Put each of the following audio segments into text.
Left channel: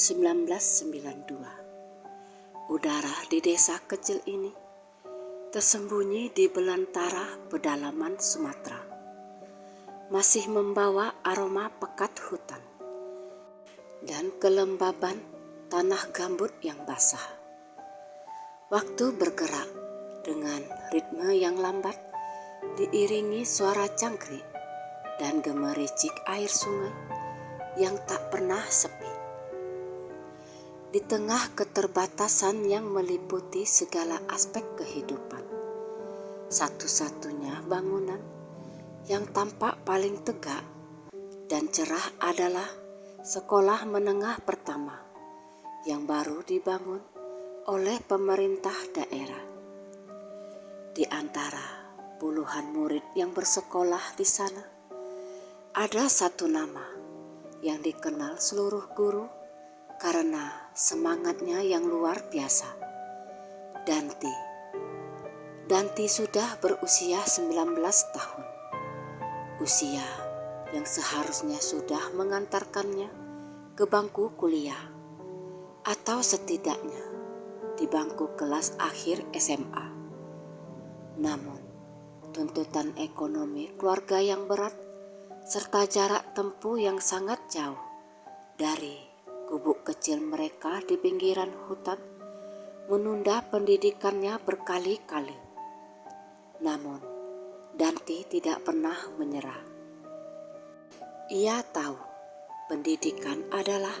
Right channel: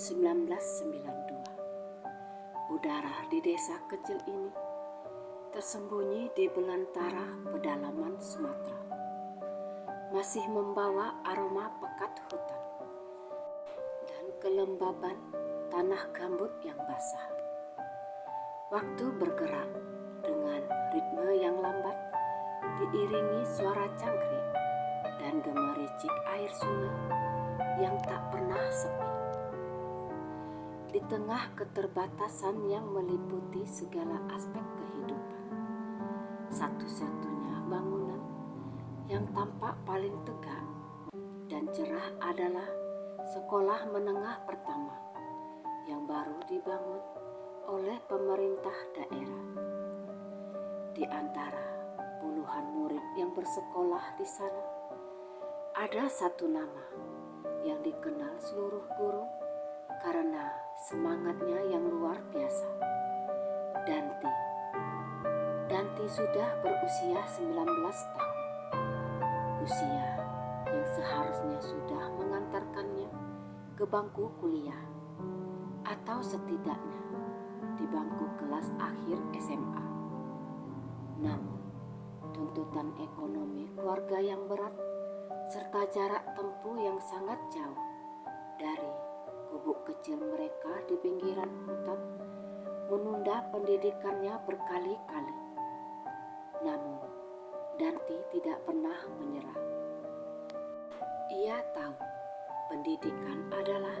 1992. Udara di desa kecil ini tersembunyi di belantara pedalaman Sumatera, masih membawa aroma pekat hutan dan kelembaban tanah gambut yang basah. Waktu bergerak dengan ritme yang lambat, diiringi suara cangkrik dan gemericik air sungai yang tak pernah sepi. Di tengah keterbatasan yang meliputi segala aspek kehidupan, satu-satunya bangunan yang tampak paling tegak dan cerah adalah sekolah menengah pertama yang baru dibangun oleh pemerintah daerah. Di antara puluhan murid yang bersekolah di sana, ada satu nama yang dikenal seluruh guru karena semangatnya yang luar biasa. Danti. Danti sudah berusia 19 tahun. Usia yang seharusnya sudah mengantarkannya ke bangku kuliah atau setidaknya di bangku kelas akhir SMA. Namun, tuntutan ekonomi keluarga yang berat serta jarak tempuh yang sangat jauh dari gubuk kecil mereka di pinggiran hutan menunda pendidikannya berkali-kali. Namun, Danti tidak pernah menyerah. Ia tahu pendidikan adalah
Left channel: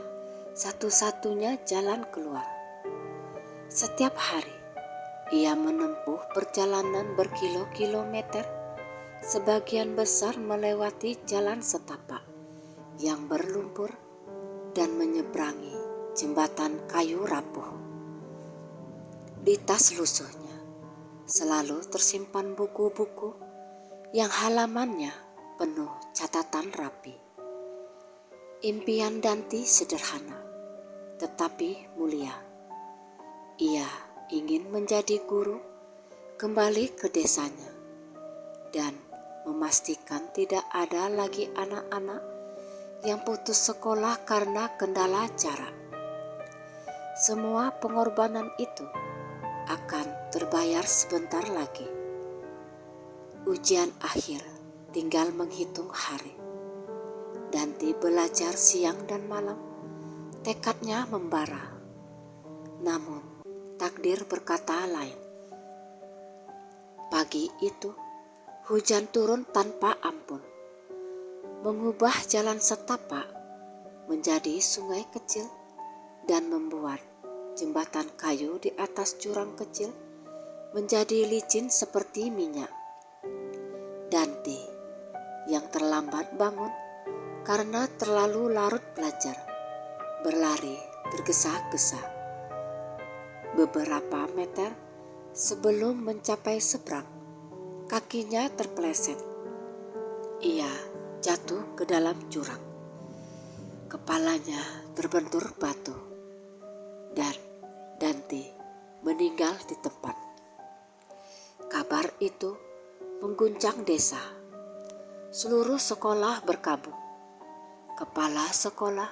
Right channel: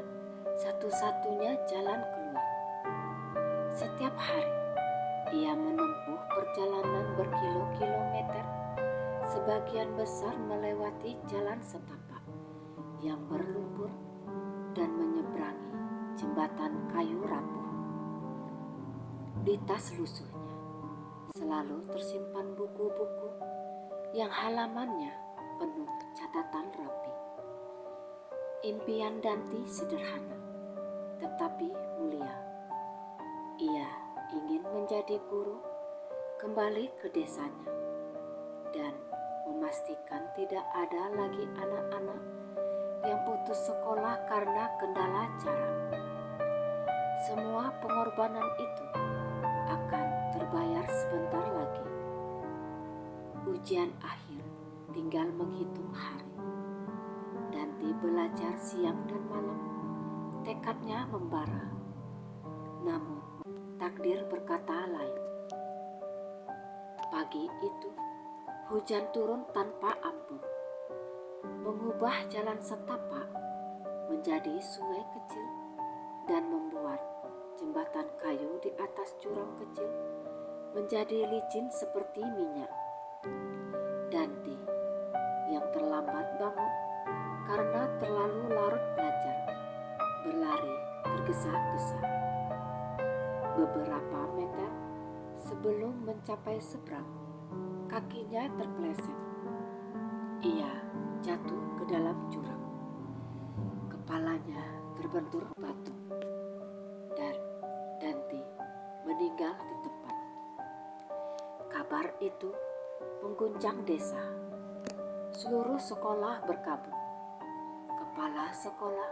satu-satunya jalan keluar. Setiap hari, ia menempuh perjalanan berkilo-kilometer, sebagian besar melewati jalan setapak yang berlumpur dan menyeberangi jembatan kayu rapuh. Di tas lusuhnya selalu tersimpan buku-buku yang halamannya penuh catatan rapi. Impian Danti sederhana tetapi mulia. Ia ingin menjadi guru, kembali ke desanya, dan memastikan tidak ada lagi anak-anak yang putus sekolah karena kendala jarak. Semua pengorbanan itu akan terbayar sebentar lagi. Ujian akhir tinggal menghitung hari. Danti belajar siang dan malam, tekadnya membara. Namun takdir berkata lain. Pagi itu hujan turun tanpa ampun, mengubah jalan setapak menjadi sungai kecil dan membuat jembatan kayu di atas jurang kecil menjadi licin seperti minyak. Danti yang terlambat bangun karena terlalu larut belajar, berlari tergesa-gesa. Beberapa meter sebelum mencapai seberang, kakinya terpeleset. Ia jatuh ke dalam jurang. Kepalanya terbentur batu dan Danti meninggal di tempat. Kabar itu mengguncang desa. Seluruh sekolah berkabung. Kepala sekolah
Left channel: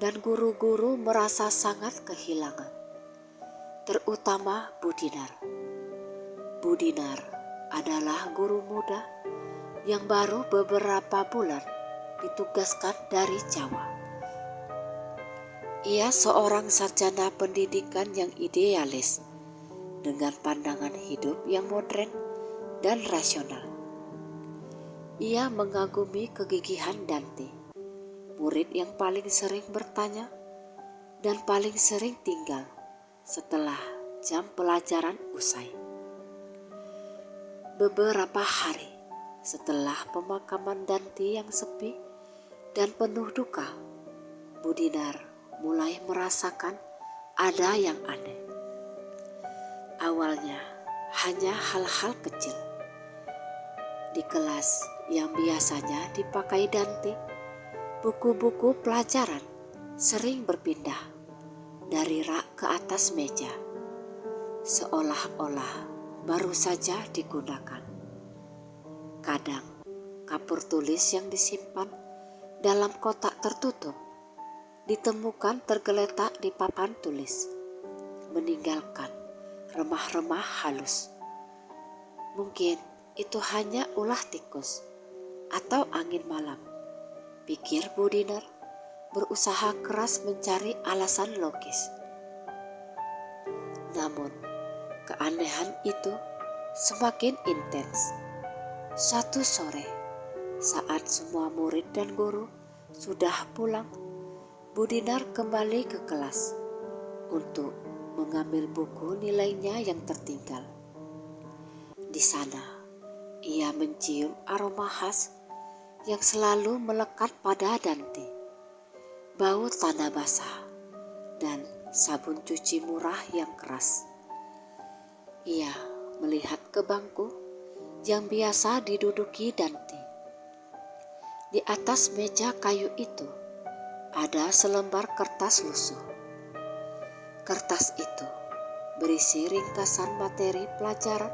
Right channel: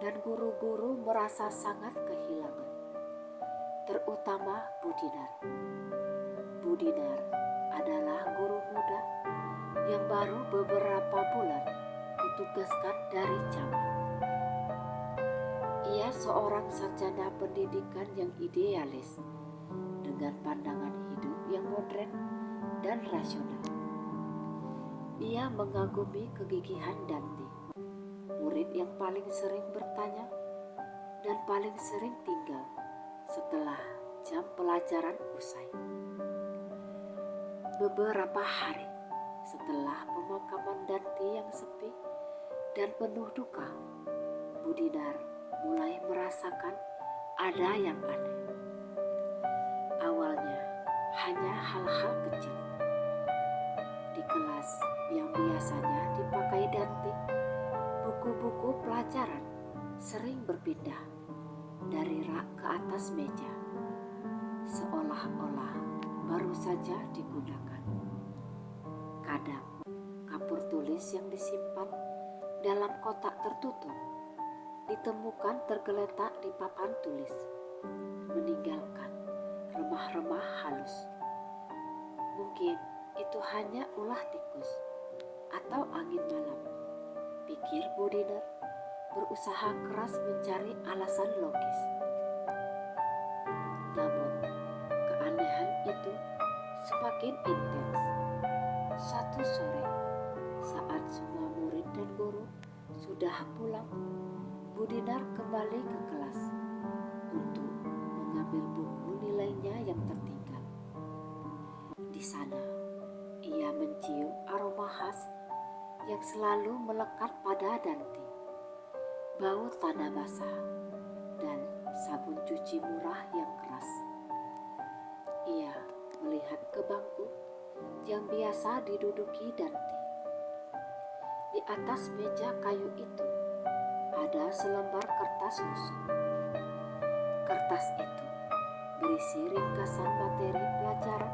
dan guru-guru merasa sangat kehilangan, terutama Budinar. Budinar adalah guru muda yang baru beberapa bulan ditugaskan dari Jawa. Ia seorang sarjana pendidikan yang idealis dengan pandangan hidup yang modern dan rasional. Ia mengagumi kegigihan Danti, murid yang paling sering bertanya dan paling sering tinggal setelah jam pelajaran usai. Beberapa hari setelah pemakaman Danti yang sepi dan penuh duka, Budinar mulai merasakan ada yang aneh. Awalnya hanya hal-hal kecil. Di kelas yang biasanya dipakai Danti, buku-buku pelajaran sering berpindah dari rak ke atas meja, seolah-olah baru saja digunakan. Kadang kapur tulis yang disimpan dalam kotak tertutup ditemukan tergeletak di papan tulis, meninggalkan remah-remah halus. Mungkin itu hanya ulah tikus atau angin malam, pikir Budiner, berusaha keras mencari alasan logis. Namun, keanehan itu semakin intens. Suatu sore, saat semua murid dan guru sudah pulang, Budiner kembali ke kelas untuk mengambil buku nilainya yang tertinggal. Di sana, ia mencium aroma khas yang selalu melekat pada Dante. Bau tanah basah dan sabun cuci murah yang keras. Ia melihat ke bangku yang biasa diduduki Dante. Di atas meja kayu itu ada selembar kertas lusuh. Kertas itu berisi ringkasan materi pelajaran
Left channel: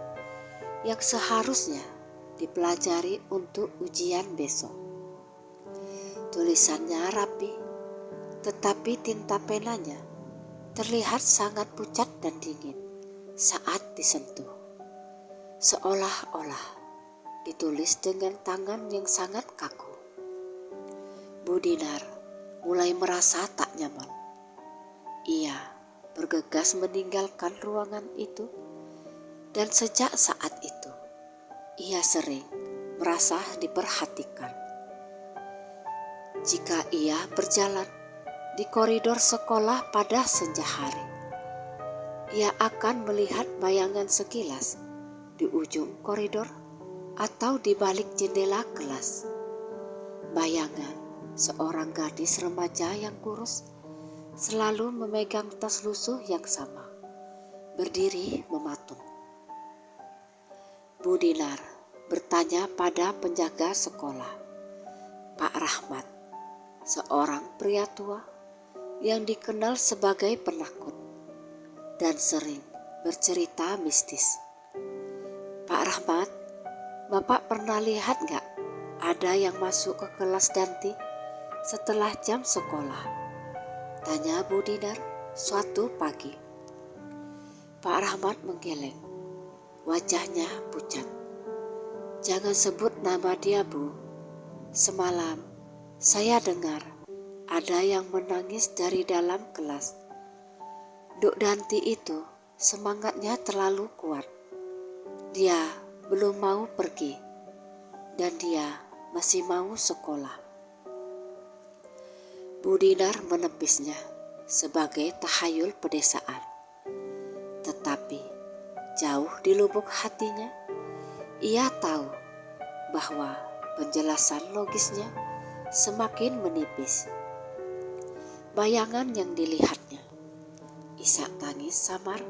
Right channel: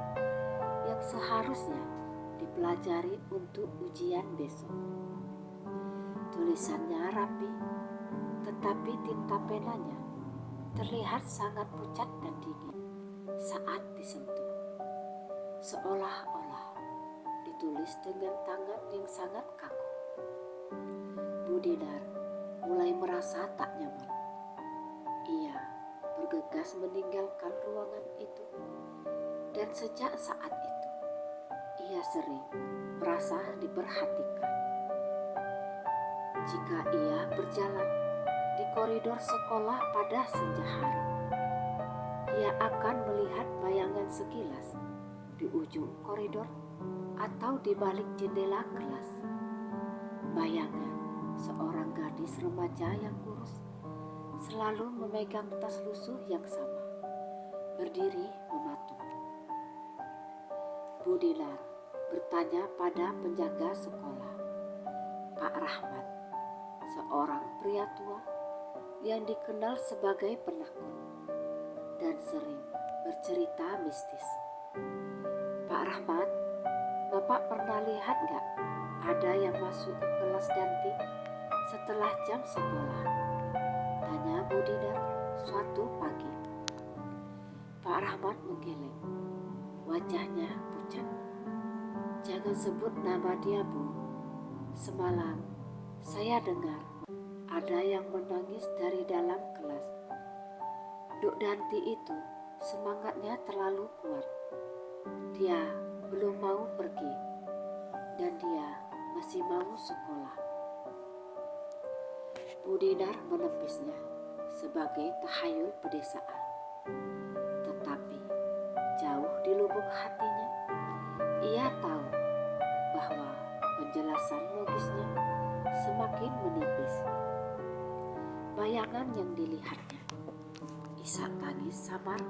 yang seharusnya dipelajari untuk ujian besok. Tulisannya rapi, tetapi tinta penanya terlihat sangat pucat dan dingin saat disentuh. Seolah-olah ditulis dengan tangan yang sangat kaku. Budiner mulai merasa tak nyaman. Ia bergegas meninggalkan ruangan itu, dan sejak saat itu ia sering merasa diperhatikan. Jika ia berjalan di koridor sekolah pada senja hari, ia akan melihat bayangan sekilas di ujung koridor atau di balik jendela kelas. Bayangan seorang gadis remaja yang kurus selalu memegang tas lusuh yang sama, berdiri mematung. Budiner bertanya pada penjaga sekolah, Pak Rahmat, seorang pria tua yang dikenal sebagai penakut dan sering bercerita mistis. Pak Rahmat, Bapak pernah lihat gak ada yang masuk ke kelas Dante setelah jam sekolah? Tanya Budiner suatu pagi. Pak Rahmat menggeleng, wajahnya pucat. Jangan sebut nama dia, Bu. Semalam saya dengar ada yang menangis dari dalam kelas. Duk Dante itu semangatnya terlalu kuat. Dia belum mau pergi dan dia masih mau sekolah. Budiner menepisnya sebagai tahayul pedesaan. Tetapi jauh di lubuk hatinya, ia tahu bahwa penjelasan logisnya semakin menipis. Bayangan yang dilihatnya, isak tangis samar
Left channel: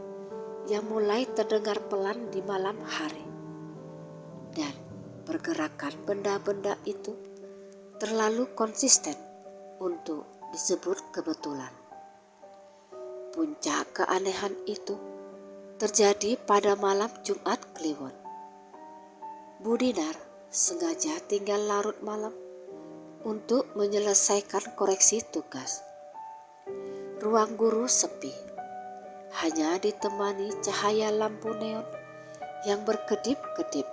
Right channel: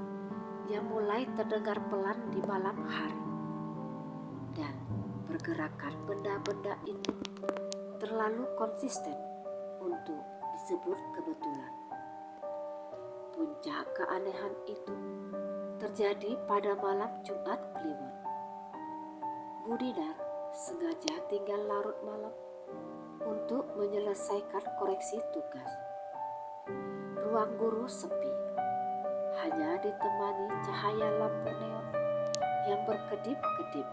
yang mulai terdengar pelan di malam hari, dan pergerakan benda-benda itu terlalu konsisten untuk disebut kebetulan. Puncak keanehan itu terjadi pada malam Jumat Kliwon. Budiner sengaja tinggal larut malam untuk menyelesaikan koreksi tugas. Ruang guru sepi, hanya ditemani cahaya lampu neon yang berkedip-kedip.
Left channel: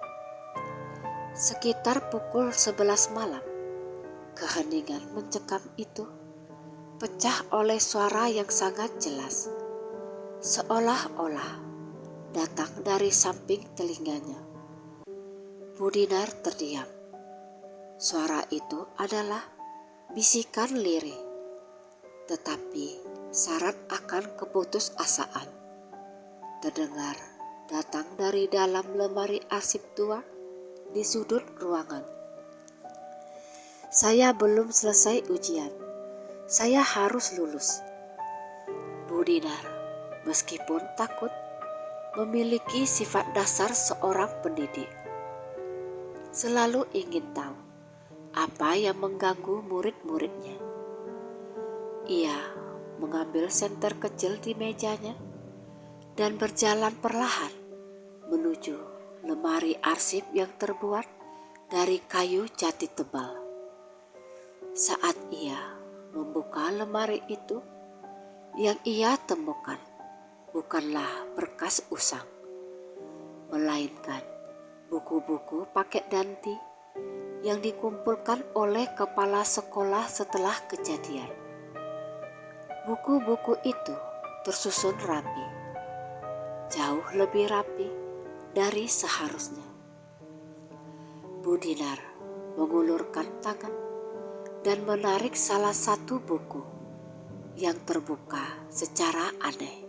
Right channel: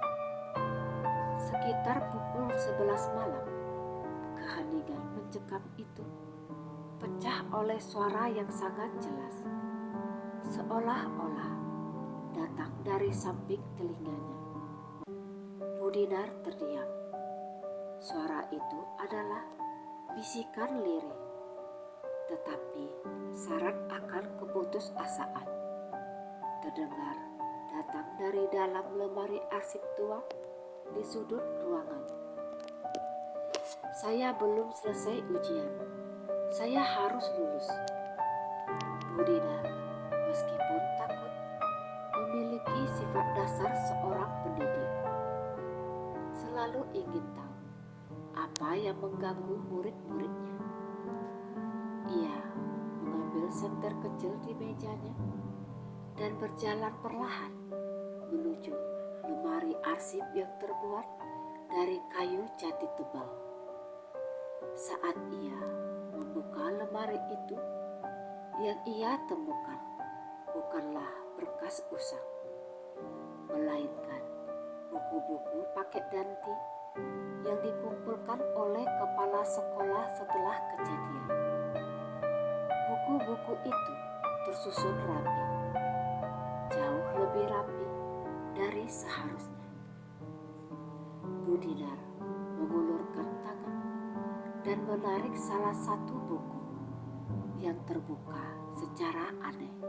Sekitar pukul 11 malam, keheningan mencekam itu pecah oleh suara yang sangat jelas, seolah-olah datang dari samping telinganya. Budiner terdiam. Suara itu adalah bisikan lirih, tetapi syarat akan keputusasaan. Terdengar datang dari dalam lemari arsip tua di sudut ruangan. Saya belum selesai ujian. Saya harus lulus. Budiner, meskipun takut, memiliki sifat dasar seorang pendidik. Selalu ingin tahu apa yang mengganggu murid-muridnya. Ia mengambil senter kecil di mejanya dan berjalan perlahan menuju lemari arsip yang terbuat dari kayu jati tebal. Saat ia membuka lemari itu, yang ia temukan bukanlah berkas usang, melainkan buku-buku paket Danti yang dikumpulkan oleh kepala sekolah setelah kejadian. Buku-buku itu tersusun rapi, jauh lebih rapi dari seharusnya. Bu Dinar mengulurkan tangan dan menarik salah satu buku yang terbuka secara aneh.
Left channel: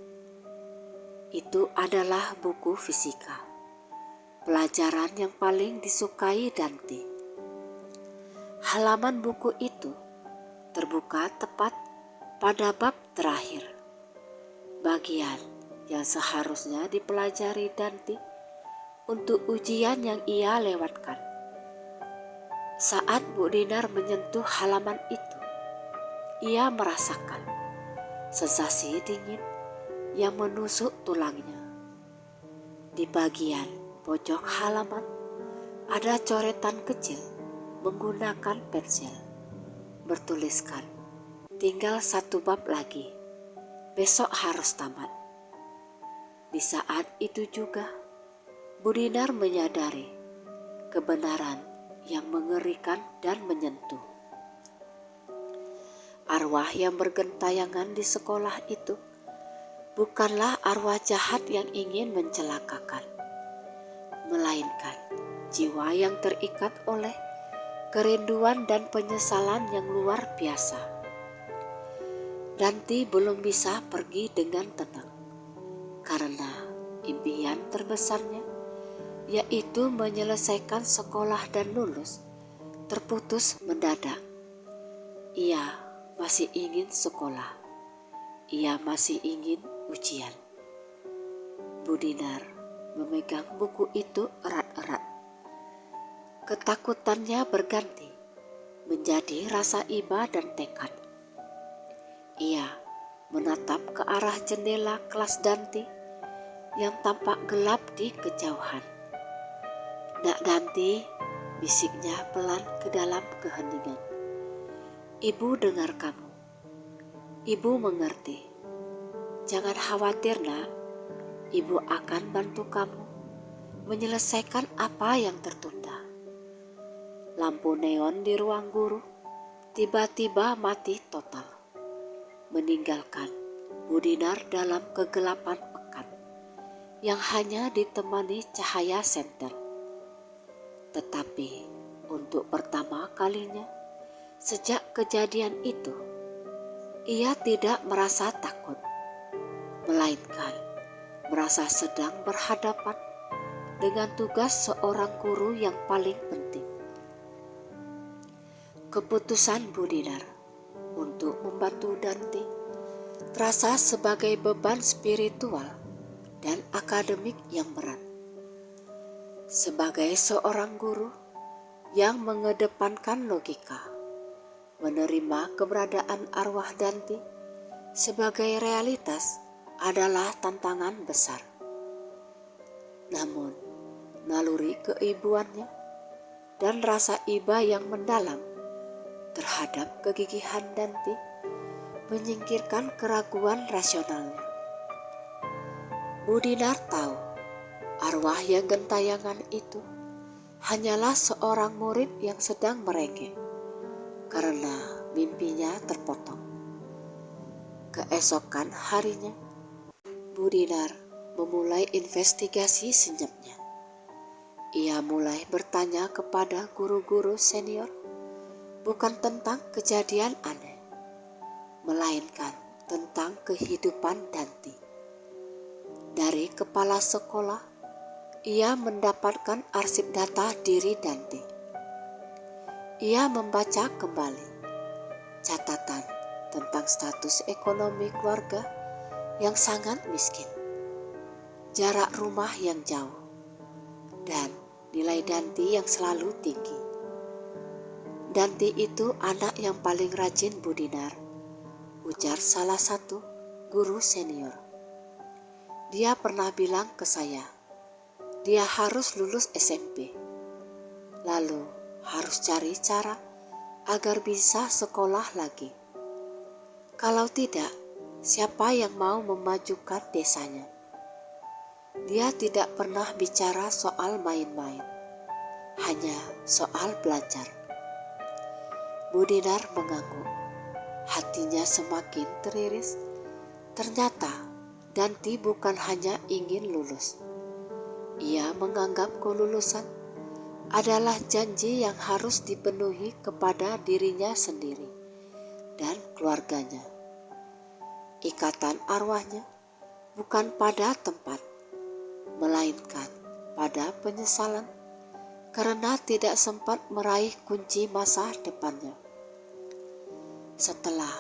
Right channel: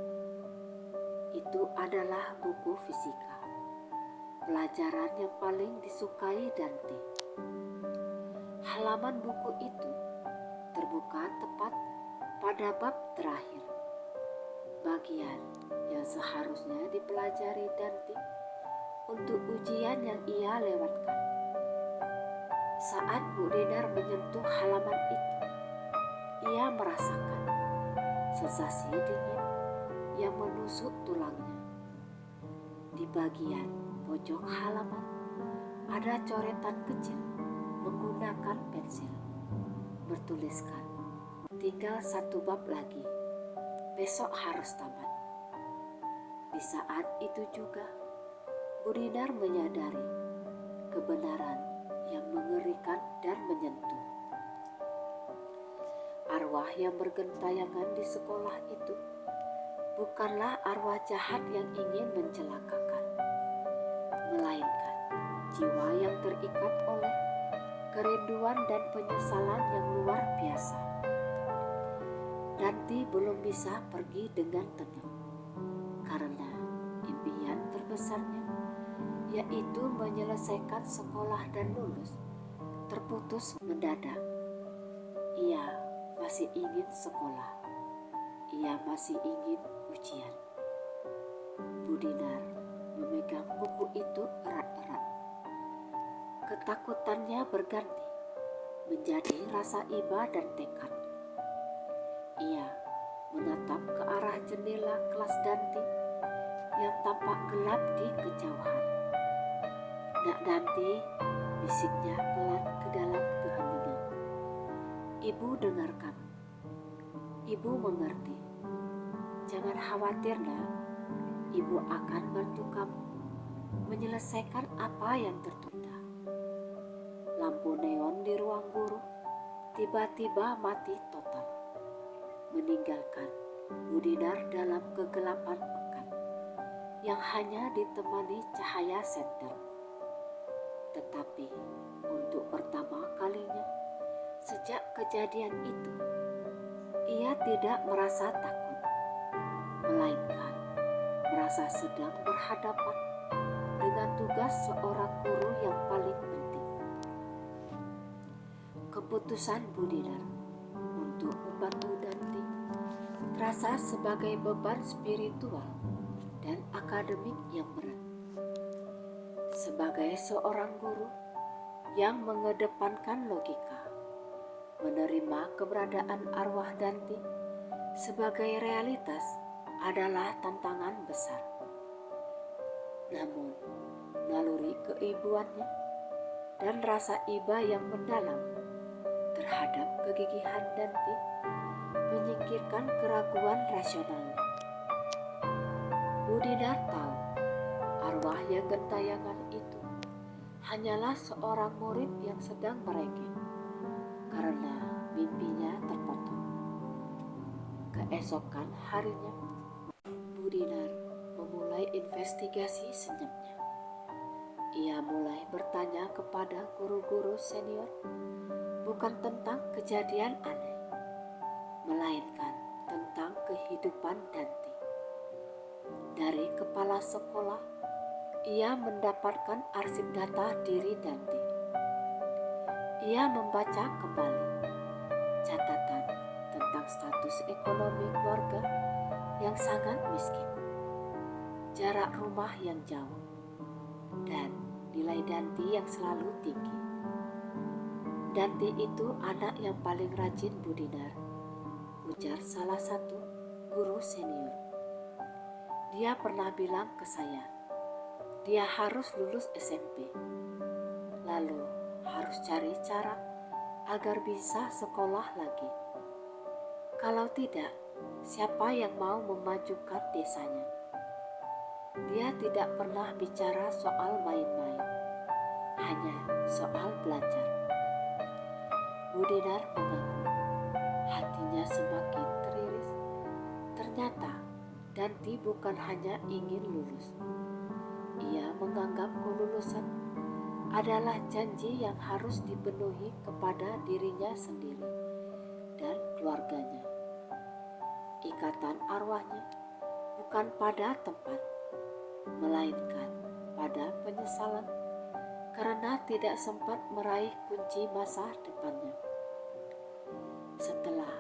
Itu adalah buku fisika, pelajaran yang paling disukai Dante. Halaman buku itu terbuka tepat pada bab terakhir, bagian yang seharusnya dipelajari Dante untuk ujian yang ia lewatkan. Saat Bu Dinar menyentuh halaman itu, ia merasakan sensasi dingin yang menusuk tulangnya. Di bagian pojok halaman ada coretan kecil menggunakan pensil, bertuliskan, "Tinggal 1 bab lagi, besok harus tamat." Di saat itu juga, Bu Dinar menyadari kebenaran yang mengerikan dan menyentuh. Arwah yang bergentayangan di sekolah itu bukanlah arwah jahat yang ingin mencelakakan, melainkan jiwa yang terikat oleh kerinduan dan penyesalan yang luar biasa. Danti belum bisa pergi dengan tenang karena impian terbesarnya, yaitu menyelesaikan sekolah dan lulus, terputus mendadak. Ia masih ingin sekolah, ia masih ingin ujian. Bu Dinar memegang buku itu erat-erat. Ketakutannya berganti menjadi rasa iba dan tekad. Ia menatap ke arah jendela kelas Danti yang tampak gelap di kejauhan. "Nak Danti," bisiknya pelan ke dalam keheningan. "Ibu dengar kamu. Ibu mengerti. Jangan khawatir, Nak. Ibu akan bantu kamu menyelesaikan apa yang tertunda." Lampu neon di ruang guru tiba-tiba mati total, meninggalkan Bu Dinar dalam kegelapan pekat yang hanya ditemani cahaya senter. Tetapi untuk pertama kalinya sejak kejadian itu, ia tidak merasa takut, melainkan merasa sedang berhadapan dengan tugas seorang guru yang paling penting. Keputusan Bu Dinar untuk membantu Dante terasa sebagai beban spiritual dan akademik yang berat. Sebagai seorang guru yang mengedepankan logika, menerima keberadaan arwah Dante sebagai realitas adalah tantangan besar. Namun, naluri keibuannya dan rasa iba yang mendalam terhadap kegigihan Dante menyingkirkan keraguan rasionalnya. Bu Dinar tahu arwah yang gentayangan itu hanyalah seorang murid yang sedang merengek karena mimpinya terpotong. Keesokan harinya, Bu Dinar memulai investigasi senyapnya. Ia mulai bertanya kepada guru-guru senior bukan tentang kejadian aneh, melainkan tentang kehidupan Dante. Dari kepala sekolah, ia mendapatkan arsip data diri Dante. Ia membaca kembali catatan tentang status ekonomi keluarga yang sangat miskin, jarak rumah yang jauh, dan nilai Dante yang selalu tinggi. Dante itu anak yang paling rajin, Bu Dinar, ujar salah satu guru senior. Dia pernah bilang ke saya, dia harus lulus SMP, lalu harus cari cara agar bisa sekolah lagi. Kalau tidak, siapa yang mau memajukan desanya? Dia tidak pernah bicara soal main-main, hanya soal belajar. Bu Dinar mengaku, hatinya semakin teriris. Ternyata Danti bukan hanya ingin lulus. Ia menganggap kelulusan adalah janji yang harus dipenuhi kepada dirinya sendiri dan keluarganya. Ikatan arwahnya bukan pada tempat, melainkan pada penyesalan karena tidak sempat meraih kunci masa depannya. Setelah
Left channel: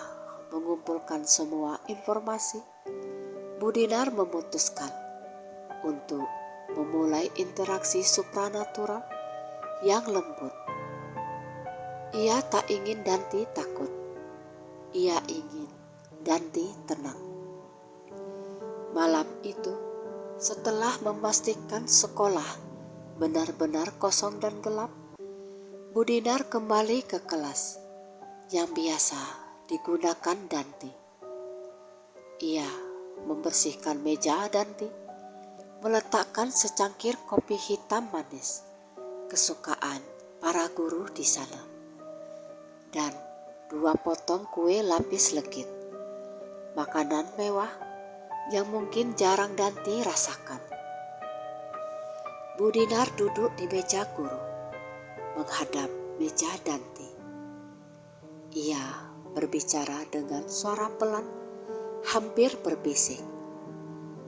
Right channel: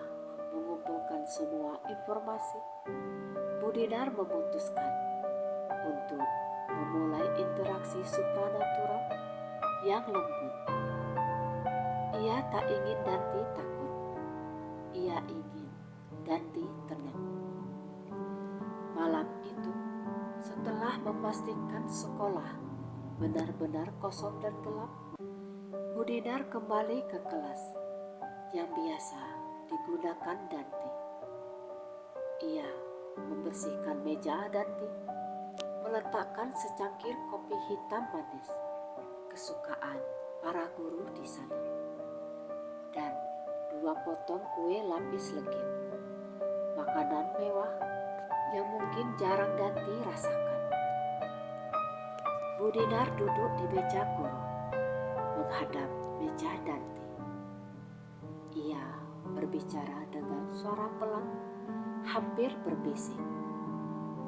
mengumpulkan semua informasi, Bu Dinar memutuskan untuk memulai interaksi supranatural yang lembut. Ia tak ingin Danti takut. Ia ingin Danti tenang. Malam itu, setelah memastikan sekolah benar-benar kosong dan gelap, Bu Dinar kembali ke kelas yang biasa digunakan Danti. Ia membersihkan meja Danti, meletakkan secangkir kopi hitam manis, kesukaan para guru di sana, dan 2 potong kue lapis legit, makanan mewah yang mungkin jarang Danti rasakan. Bu Dinar duduk di meja guru, menghadap meja Danti. Ia berbicara dengan suara pelan, hampir berbisik,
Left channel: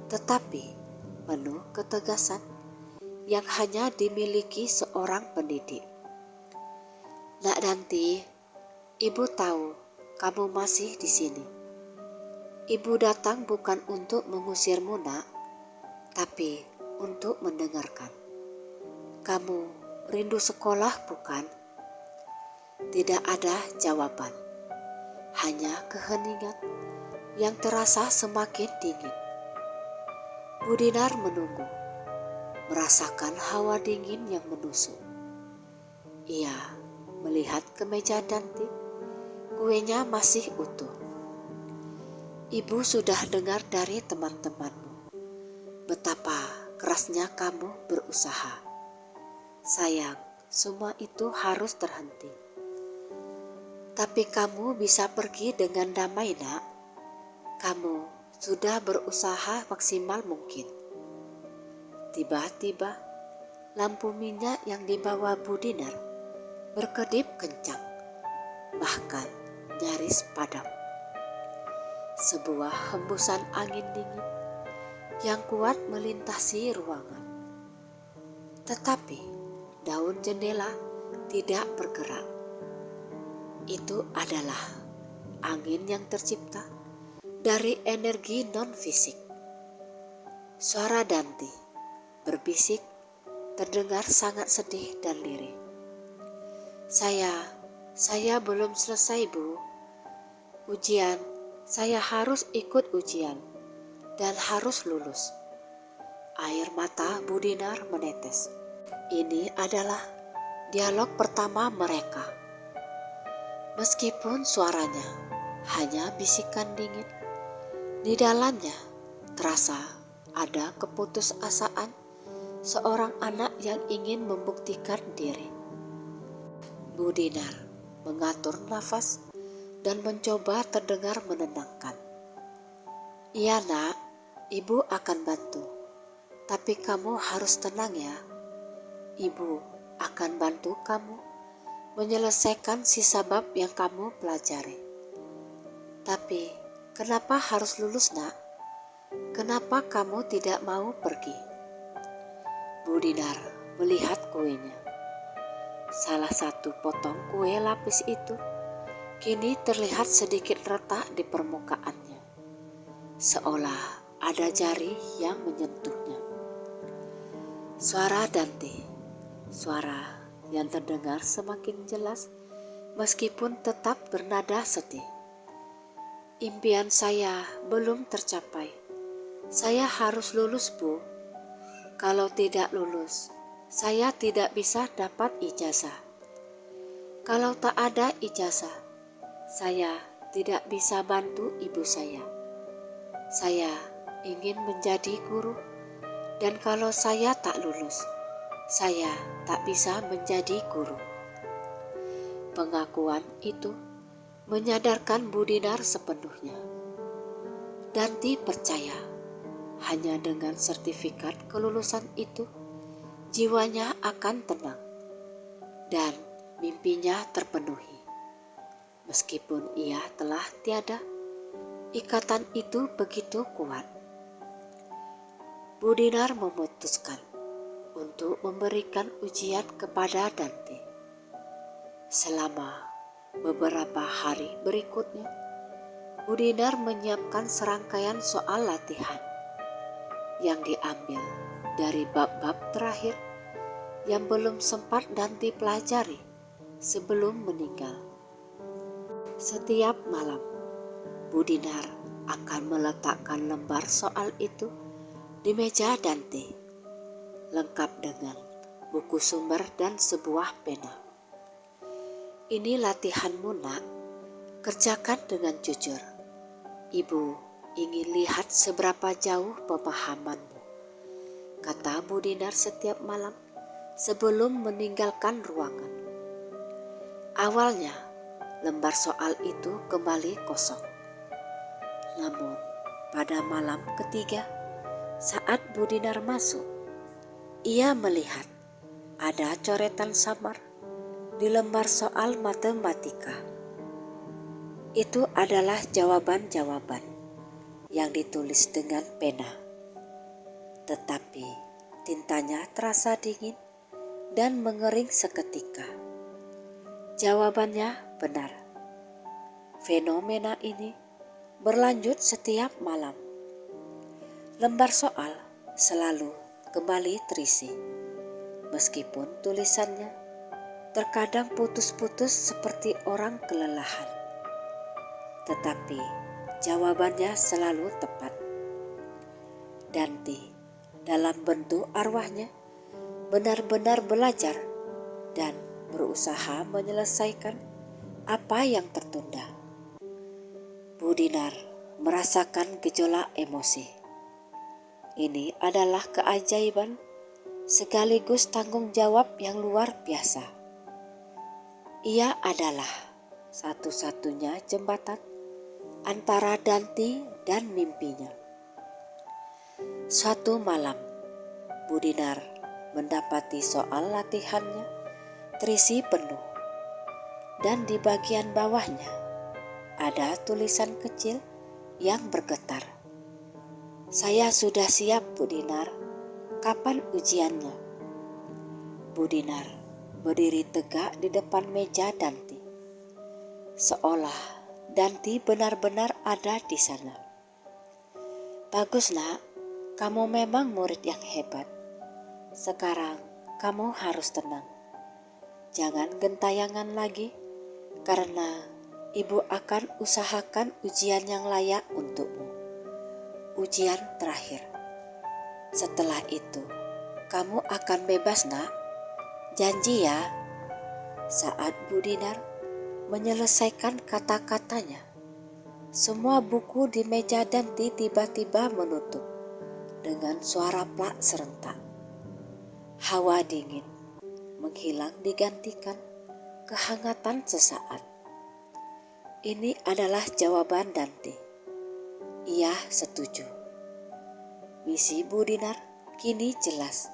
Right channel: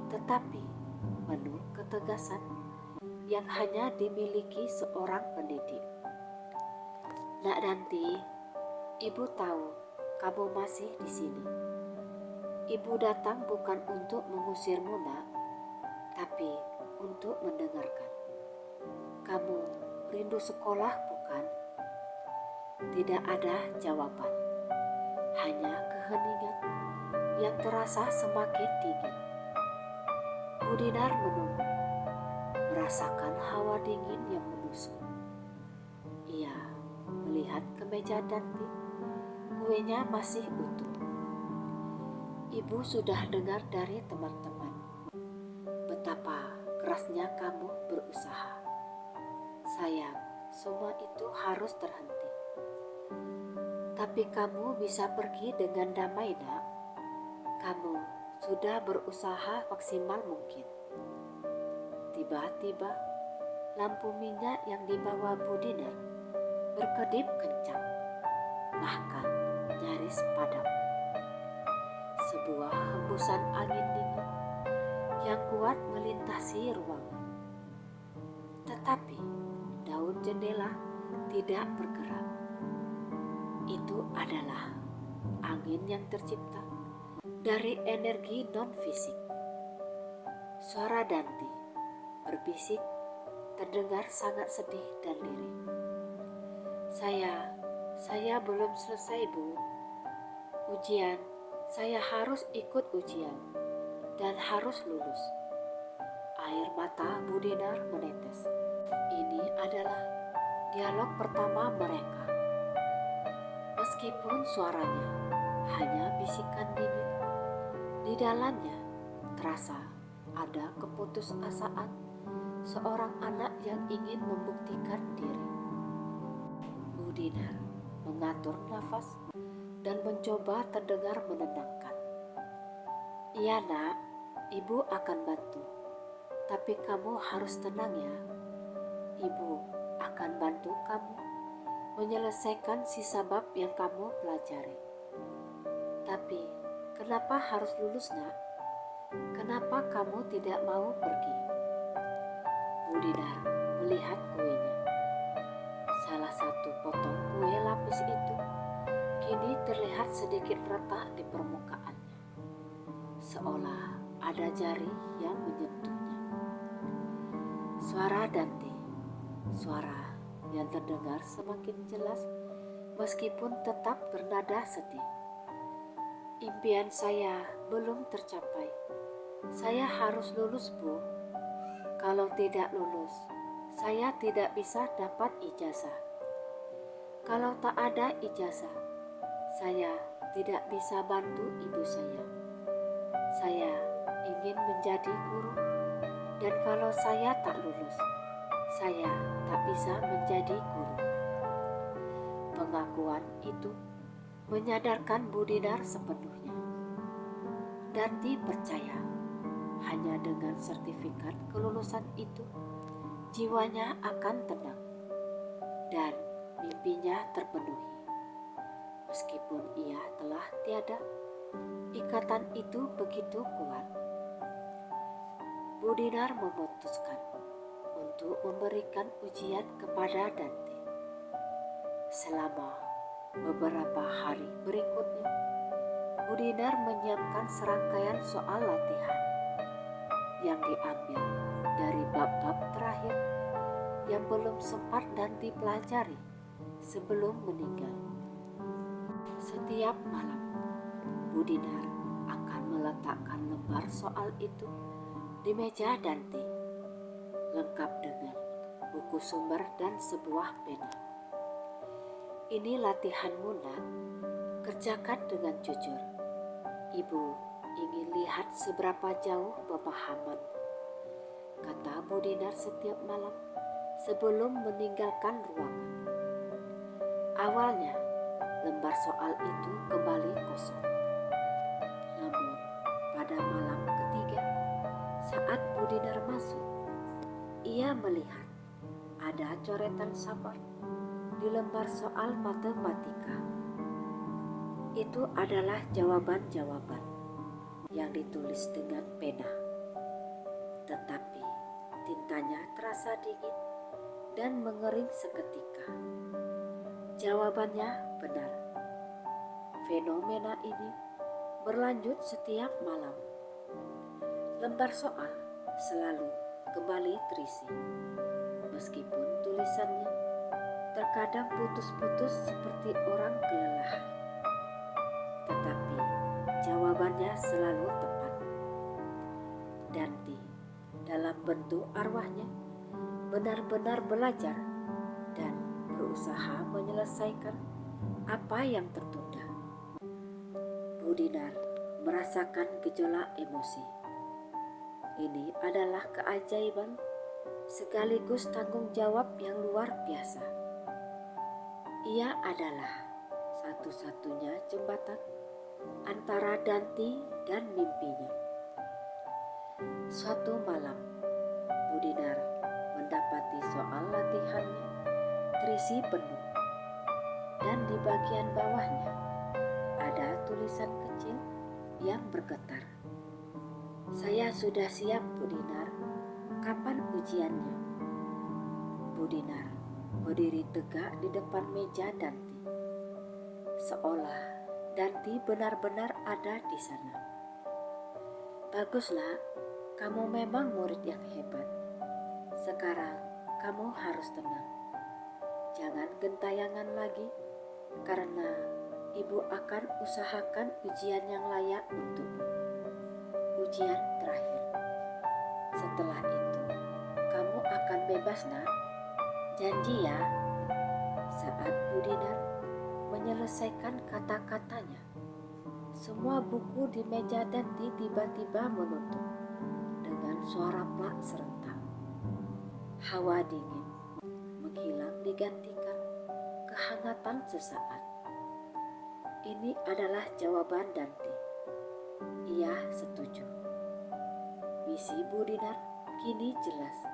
tetapi penuh ketegasan yang hanya dimiliki seorang pendidik. Nak Danti, Ibu tahu kamu masih di sini. Ibu datang bukan untuk mengusirmu, Nak, tapi untuk mendengarkan. Kamu rindu sekolah, bukan? Tidak ada jawaban, hanya keheningan yang terasa semakin dingin. Bu Dinar menunggu, merasakan hawa dingin yang menusuk. Ia melihat ke meja Danti, kuenya masih utuh. Ibu sudah dengar dari teman-temanmu betapa kerasnya kamu berusaha. Sayang, semua itu harus terhenti. Tapi kamu bisa pergi dengan damai, Nak. Kamu sudah berusaha maksimal mungkin. Tiba-tiba, lampu minyak yang dibawa Bu Dinar berkedip kencang, bahkan nyaris padam. Sebuah hembusan angin dingin yang kuat melintasi ruangan. Tetapi daun jendela tidak bergerak. Itu adalah angin yang tercipta dari energi non-fisik. Suara Danti berbisik terdengar sangat sedih dan lirih. Saya belum selesai, Bu. Saya harus ikut ujian dan harus lulus. Air mata Bu Dinar menetes. Ini adalah dialog pertama mereka. Meskipun suaranya hanya bisikan dingin, di dalamnya terasa ada keputusasaan seorang anak yang ingin membuktikan diri. Bu Dinar mengatur nafas dan mencoba terdengar menenangkan. Iya, Nak, Ibu akan bantu. Tapi kamu harus tenang ya. Ibu akan bantu kamu menyelesaikan sisa bab yang kamu pelajari. Tapi kenapa harus lulus, Nak? Kenapa kamu tidak mau pergi? Bu Dinar melihat kuenya. Salah satu potong kue lapis itu kini terlihat sedikit retak di permukaannya, seolah ada jari yang menyentuhnya. Suara Danti, suara yang terdengar semakin jelas meskipun tetap bernada sedih. Impian saya belum tercapai. Saya harus lulus, Bu. Kalau tidak lulus, saya tidak bisa dapat ijazah. Kalau tak ada ijazah, saya tidak bisa bantu ibu saya. Saya ingin menjadi guru, dan kalau saya tak lulus, saya tak bisa menjadi guru. Pengakuan itu menyadarkan Bu Dinar sepenuhnya. Danti percaya hanya dengan sertifikat kelulusan itu, jiwanya akan tenang dan mimpinya terpenuhi. Meskipun ia telah tiada, ikatan itu begitu kuat. Bu Dinar memutuskan untuk memberikan ujian kepada Danti. Selama beberapa hari berikutnya, Bu Dinar menyiapkan serangkaian soal latihan yang diambil dari bab-bab terakhir yang belum sempat Danti pelajari sebelum meninggal. Setiap malam, Bu Dinar akan meletakkan lembar soal itu di meja Danti, lengkap dengan buku sumber dan sebuah pena. Ini latihanmu, nak. Kerjakan dengan jujur. Ibu ingin lihat seberapa jauh pemahamanmu, kata Bu Dinar setiap malam sebelum meninggalkan ruangan. Awalnya, lembar soal itu kembali kosong. Namun, pada malam ketiga, saat Bu Dinar masuk, ia melihat ada coretan samar di lembar soal matematika. Itu adalah jawaban-jawaban yang ditulis dengan pena. Tetapi tintanya terasa dingin dan mengering seketika. Jawabannya benar. Fenomena ini berlanjut setiap malam. Lembar soal selalu kembali terisi, meskipun tulisannya terkadang putus-putus seperti orang kelelahan. Tetapi jawabannya selalu tepat. Danti dalam bentuk arwahnya benar-benar belajar dan berusaha menyelesaikan apa yang tertunda. Bu Dinar merasakan gejolak emosi. Ini adalah keajaiban sekaligus tanggung jawab yang luar biasa. Ia adalah satu-satunya jembatan antara Danti dan mimpinya. Suatu malam, Bu Dinar mendapati soal latihannya terisi penuh, dan di bagian bawahnya ada tulisan kecil yang bergetar. Saya sudah siap, Bu Dinar. Kapan ujiannya? Bu Dinar berdiri tegak di depan meja Danti, seolah Danti benar-benar ada di sana. Bagus, nak. Kamu memang murid yang hebat. Sekarang kamu harus tenang. Jangan gentayangan lagi, karena ibu akan usahakan ujian yang layak untukmu. Ujian terakhir. Setelah itu, kamu akan bebas, nak. Janji ya. Saat Bu Dinar menyelesaikan kata-katanya, semua buku di meja Danti tiba-tiba menutup dengan suara plak serentak. Hawa dingin menghilang digantikan kehangatan sesaat. Ini adalah jawaban Danti. Ia setuju. Misi Bu Dinar kini jelas.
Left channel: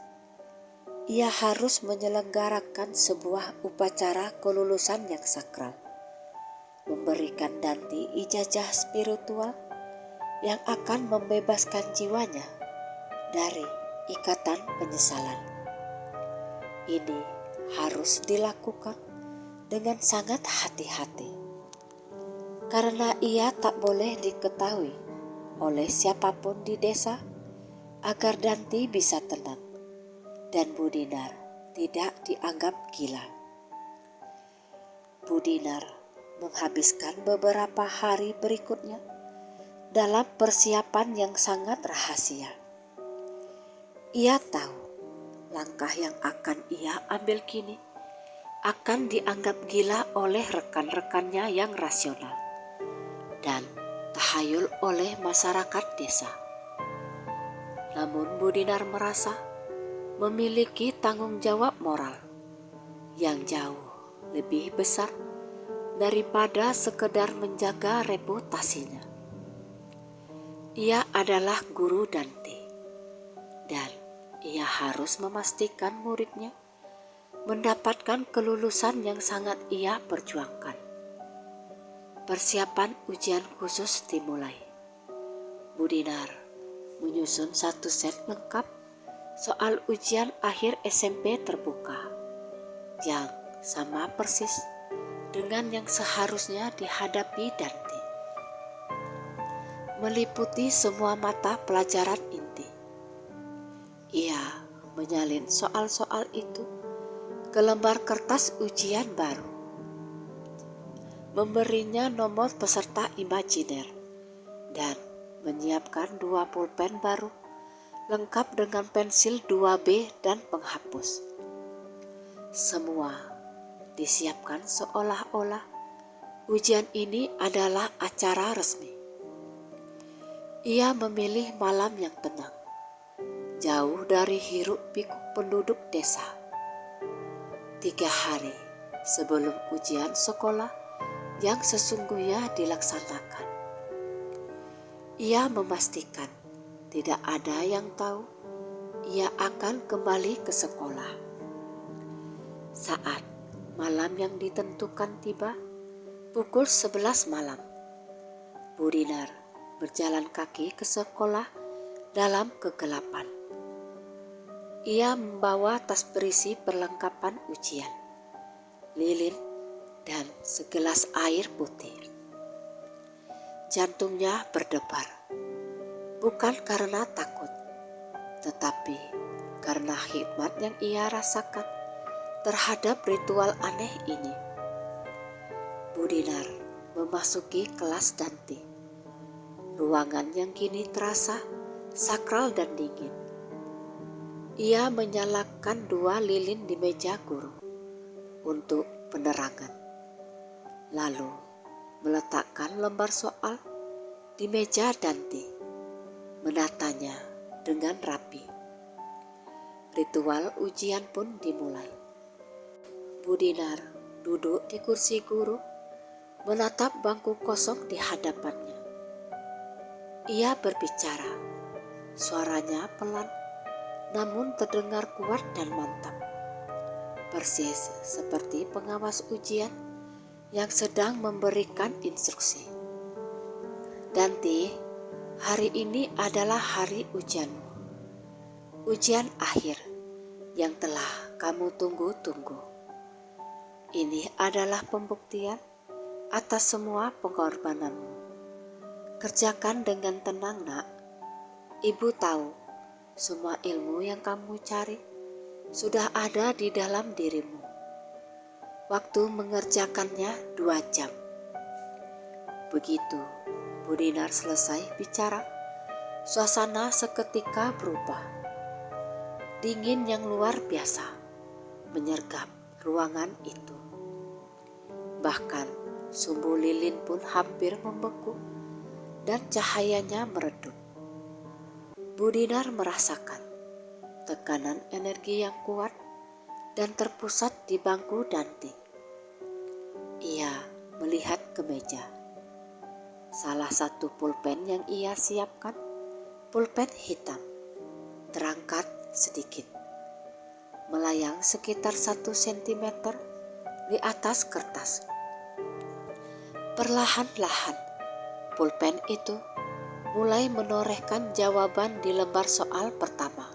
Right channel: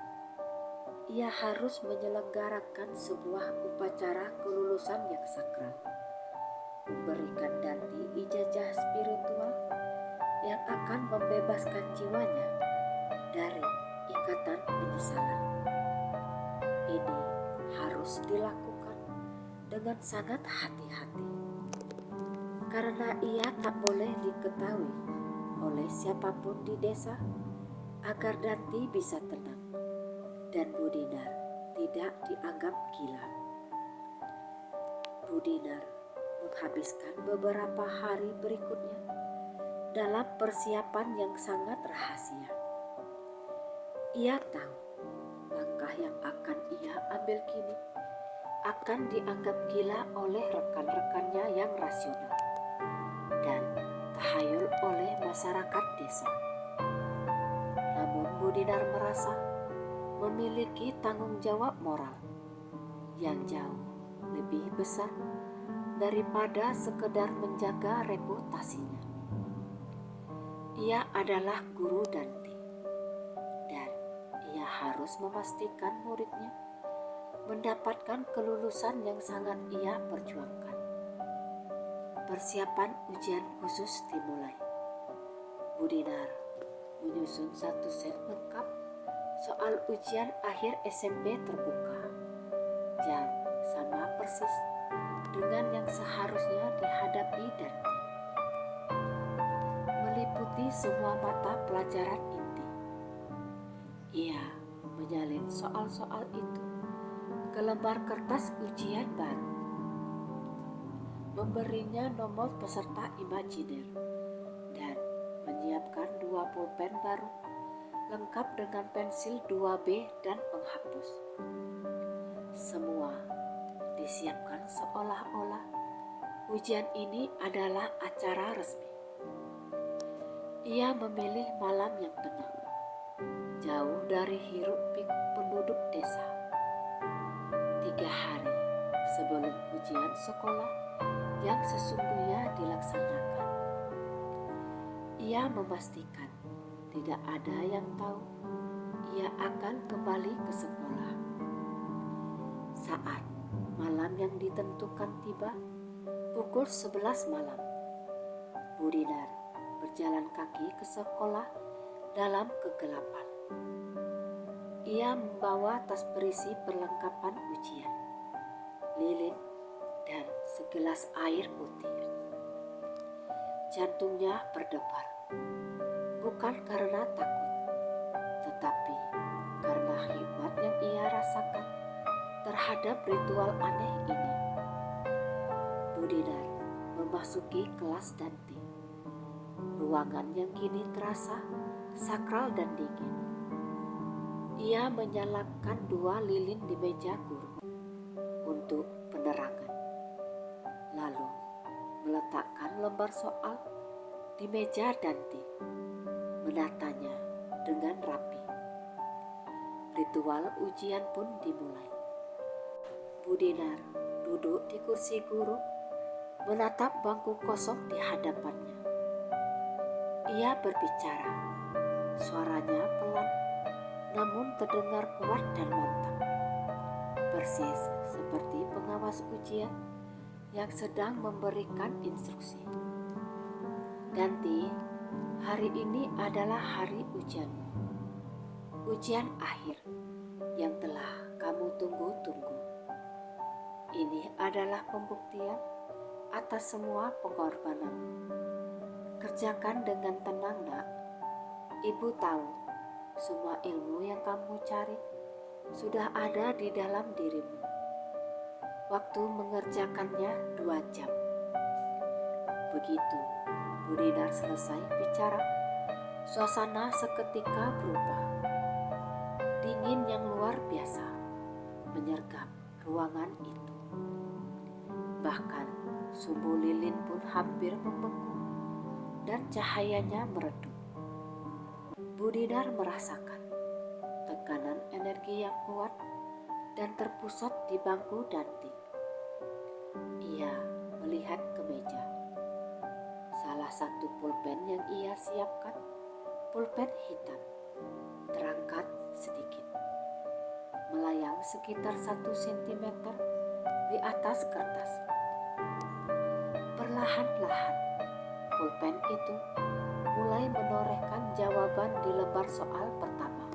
Ia harus menyelenggarakan sebuah upacara kelulusan yang sakral, memberikan Danti ijazah spiritual yang akan membebaskan jiwanya dari ikatan penyesalan. Ini harus dilakukan dengan sangat hati-hati, karena ia tak boleh diketahui oleh siapapun di desa agar Danti bisa tenang dan Bu Dinar tidak dianggap gila. Bu Dinar menghabiskan beberapa hari berikutnya dalam persiapan yang sangat rahasia. Ia tahu langkah yang akan ia ambil kini akan dianggap gila oleh rekan-rekannya yang rasional. dan tahayul oleh masyarakat desa. Namun Bu Dinar merasa memiliki tanggung jawab moral yang jauh lebih besar daripada sekedar menjaga reputasinya. Ia adalah guru Dante dan ia harus memastikan muridnya mendapatkan kelulusan yang sangat ia perjuangkan. Persiapan ujian khusus dimulai. Bu Dinar menyusun satu set lengkap soal ujian akhir SMP terbuka yang sama persis dengan yang seharusnya dihadapi Dante. Meliputi semua mata pelajaran inti. Ia menyalin soal-soal itu ke lembar kertas ujian baru, memberinya nomor peserta imajiner, dan menyiapkan 2 pulpen baru lengkap dengan pensil 2B dan penghapus. Semua disiapkan seolah-olah ujian ini adalah acara resmi. Ia memilih malam yang tenang, jauh dari hiruk-pikuk penduduk desa. 3 hari sebelum ujian sekolah yang sesungguhnya dilaksanakan. Ia memastikan tidak ada yang tahu ia akan kembali ke sekolah. Saat malam yang ditentukan tiba, pukul 11 malam, Bu Dinar berjalan kaki ke sekolah dalam kegelapan. Ia membawa tas berisi perlengkapan ujian, lilin, dan segelas air putih. Jantungnya berdebar, bukan karena takut, tetapi karena hikmat yang ia rasakan terhadap ritual aneh ini. Bu Dinar memasuki kelas Dante, ruangan yang kini terasa sakral dan dingin. Ia menyalakan 2 lilin di meja guru untuk penerangan, lalu meletakkan lembar soal di meja Dante, menatanya dengan rapi. Ritual ujian pun dimulai. Bu Dinar duduk di kursi guru, menatap bangku kosong di hadapannya. Ia berbicara, suaranya pelan namun terdengar kuat dan mantap, persis seperti pengawas ujian yang sedang memberikan instruksi. Dante, hari ini adalah hari ujianmu, ujian akhir yang telah kamu tunggu-tunggu. Ini adalah pembuktian atas semua pengorbananmu. Kerjakan dengan tenang, nak. Ibu tahu semua ilmu yang kamu cari sudah ada di dalam dirimu. Waktu mengerjakannya 2 jam. Begitu Bu Dinar selesai bicara, suasana seketika berubah. Dingin yang luar biasa menyergap ruangan itu. Bahkan sumbu lilin pun hampir membeku dan cahayanya meredup. Bu Dinar merasakan tekanan energi yang kuat dan terpusat di bangku Dante. Ia melihat ke meja. Salah satu pulpen yang ia siapkan, pulpen hitam, terangkat sedikit, melayang sekitar 1 cm di atas kertas. Perlahan-lahan, pulpen itu mulai menorehkan jawaban di lembar soal pertama,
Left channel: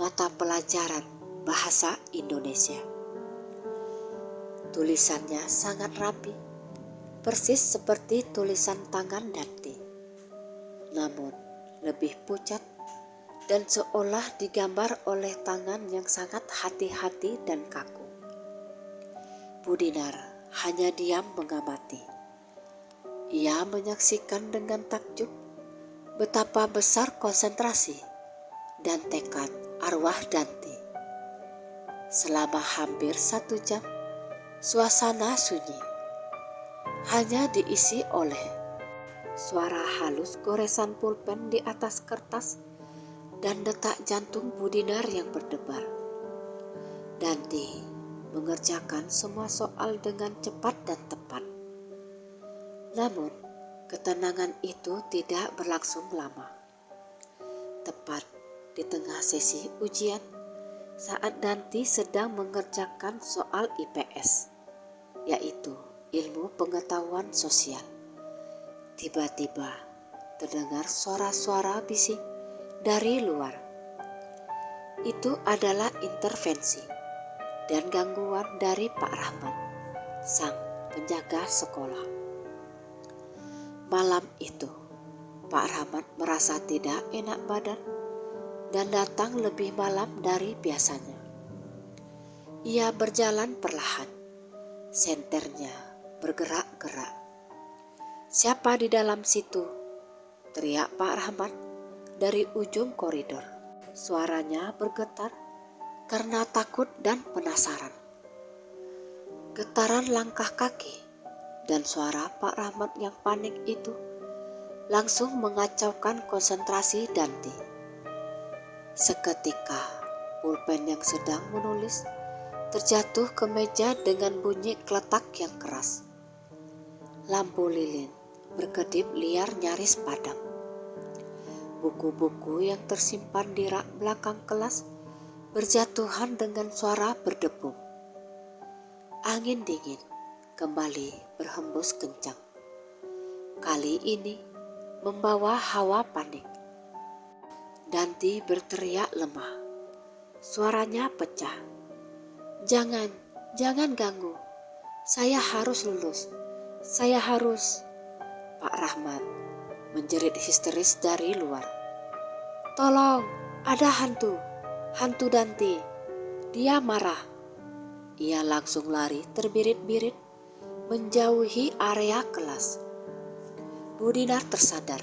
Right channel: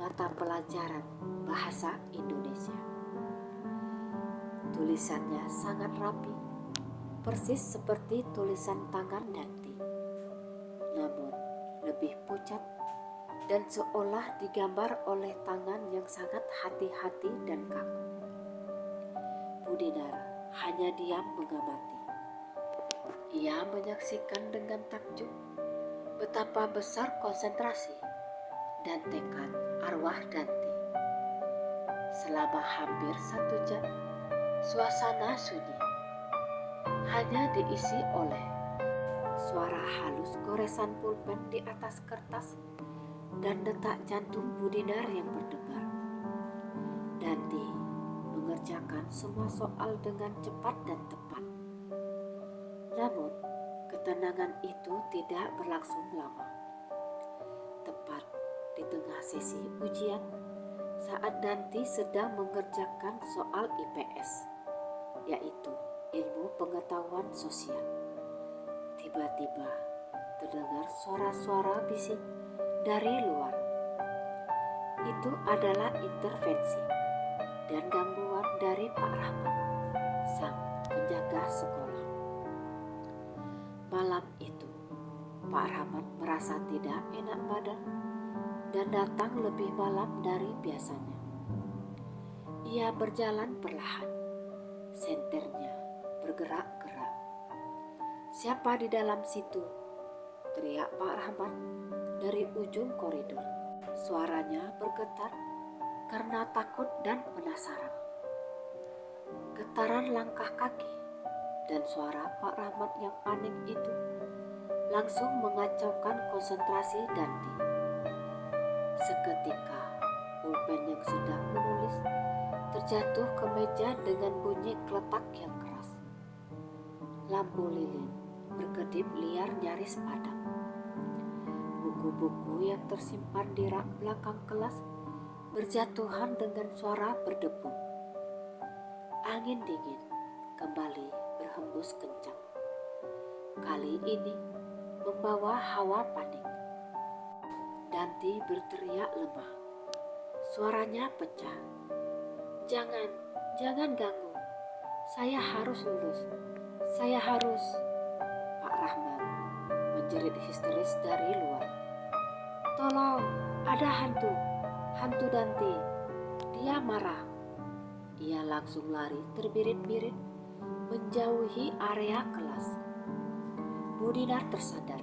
mata pelajaran bahasa Indonesia. Tulisannya sangat rapi, persis seperti tulisan tangan Dante, namun lebih pucat dan seolah digambar oleh tangan yang sangat hati-hati dan kaku. Bu Dinar hanya diam mengamati. Ia menyaksikan dengan takjub betapa besar konsentrasi dan tekad arwah Dante. Selama hampir 1 jam, suasana sunyi. hanya diisi oleh suara halus goresan pulpen di atas kertas dan detak jantung Bu Dinar yang berdebar. Danti mengerjakan semua soal dengan cepat dan tepat. Namun, ketenangan itu tidak berlangsung lama. Tepat di tengah sesi ujian, saat Danti sedang mengerjakan soal IPS, yaitu ilmu pengetahuan sosial, tiba-tiba terdengar suara-suara bising dari luar. Itu adalah intervensi dan gangguan dari Pak Rahmat, sang penjaga sekolah. Malam itu, Pak Rahmat merasa tidak enak badan dan datang lebih malam dari biasanya. Ia berjalan perlahan, senternya bergerak-gerak. "Siapa di dalam situ?" teriak Pak Rahmat dari ujung koridor. Suaranya bergetar karena takut dan penasaran. Getaran langkah kaki dan suara Pak Rahmat yang panik itu langsung mengacaukan konsentrasi Danti. Seketika, pulpen yang sedang menulis terjatuh ke meja dengan bunyi kletak yang keras. Lampu lilin berkedip liar nyaris padam. Buku-buku yang tersimpan di rak belakang kelas berjatuhan dengan suara berdebu. Angin dingin kembali berhembus kencang. Kali ini membawa hawa panik. Danti berteriak lemah. Suaranya pecah. Jangan ganggu. Saya harus lulus. Saya harus." Pak Rahmat menjerit histeris dari luar. "Tolong, ada hantu. Hantu Danti. Dia marah." Ia langsung lari terbirit-birit menjauhi area kelas. Bu Dinar tersadar.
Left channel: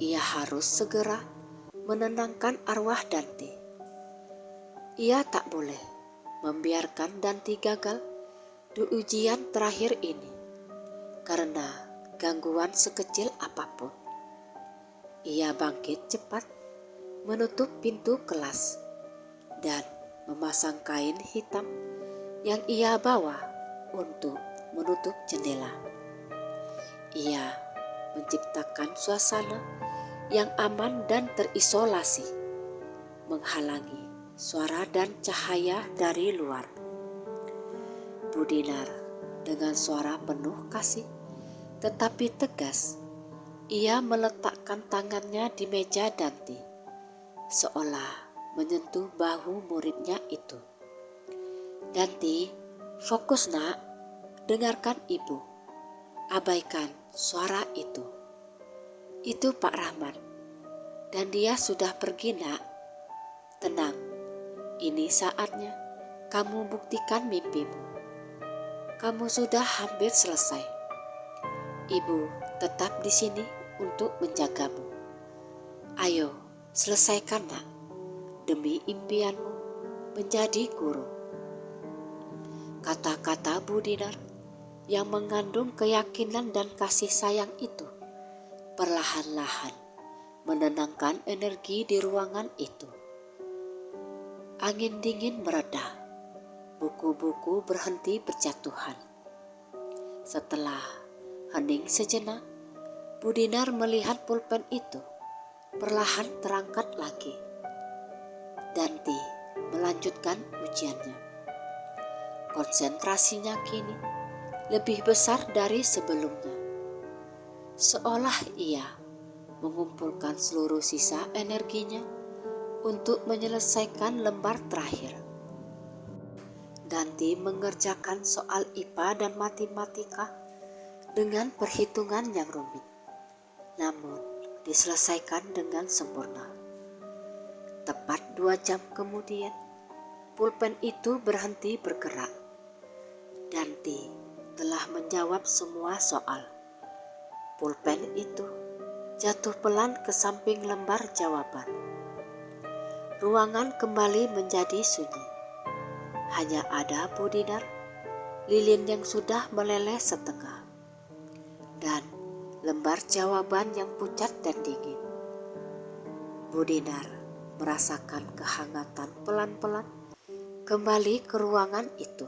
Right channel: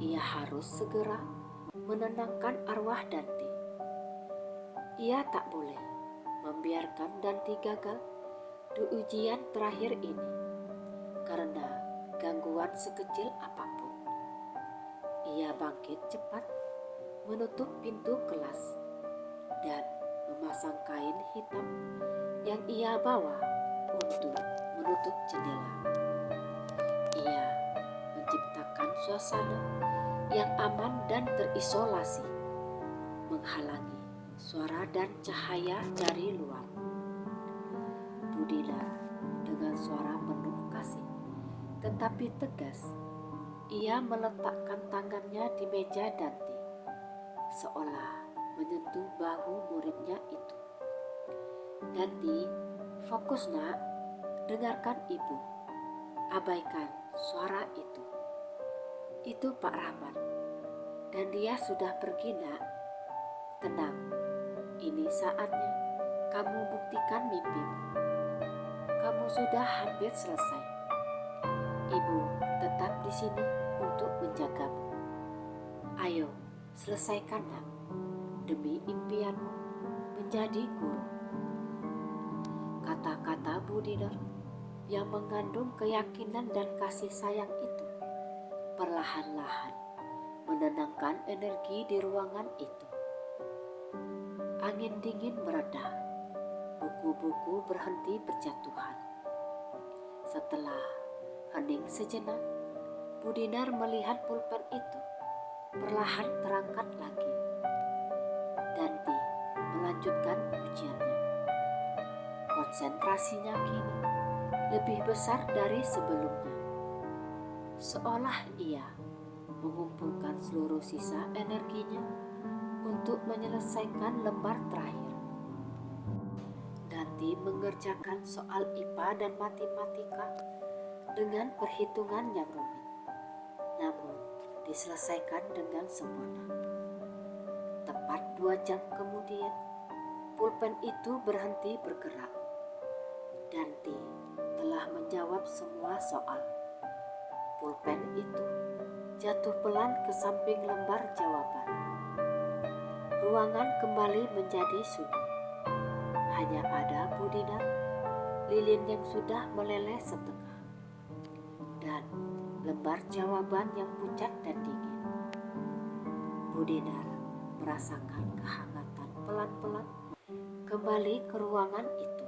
Ia harus segera menenangkan arwah Danti. Ia tak boleh membiarkan Danti gagal di ujian terakhir ini karena gangguan sekecil apapun. Ia bangkit cepat, menutup pintu kelas, dan memasang kain hitam yang ia bawa untuk menutup jendela. Ia menciptakan suasana yang aman dan terisolasi, menghalangi suara dan cahaya dari luar. Bu Dinar dengan suara penuh kasih tetapi tegas, ia meletakkan tangannya di meja Danti, seolah menyentuh bahu muridnya itu. "Danti, fokus nak, dengarkan ibu. Abaikan suara itu. Itu Pak Rahmat, dan dia sudah pergi nak. Tenang, ini saatnya kamu buktikan mimpimu. Kamu sudah hampir selesai. Ibu tetap di sini untuk menjagamu. Ayo, selesaikan nak, demi impianmu menjadi guru." Kata-kata Bu Dinar yang mengandung keyakinan dan kasih sayang itu perlahan-lahan menenangkan energi di ruangan itu. Angin dingin mereda, buku-buku berhenti berjatuhan. Setelah hening sejenak, Bu Dinar melihat pulpen itu perlahan terangkat lagi. Danti melanjutkan ujiannya. Konsentrasinya kini lebih besar dari sebelumnya. Seolah ia mengumpulkan seluruh sisa energinya untuk menyelesaikan lembar terakhir. Danti mengerjakan soal IPA dan matematika dengan perhitungan yang rumit, namun diselesaikan dengan sempurna. Tepat 2 jam kemudian, pulpen itu berhenti bergerak. Danti telah menjawab semua soal. Pulpen itu jatuh pelan ke samping lembar jawaban. Ruangan kembali menjadi sunyi. Hanya ada Bu Dinar, lilin yang sudah meleleh setengah, dan lembar jawaban yang pucat dan dingin. Bu Dinar merasakan kehangatan pelan-pelan kembali ke ruangan itu,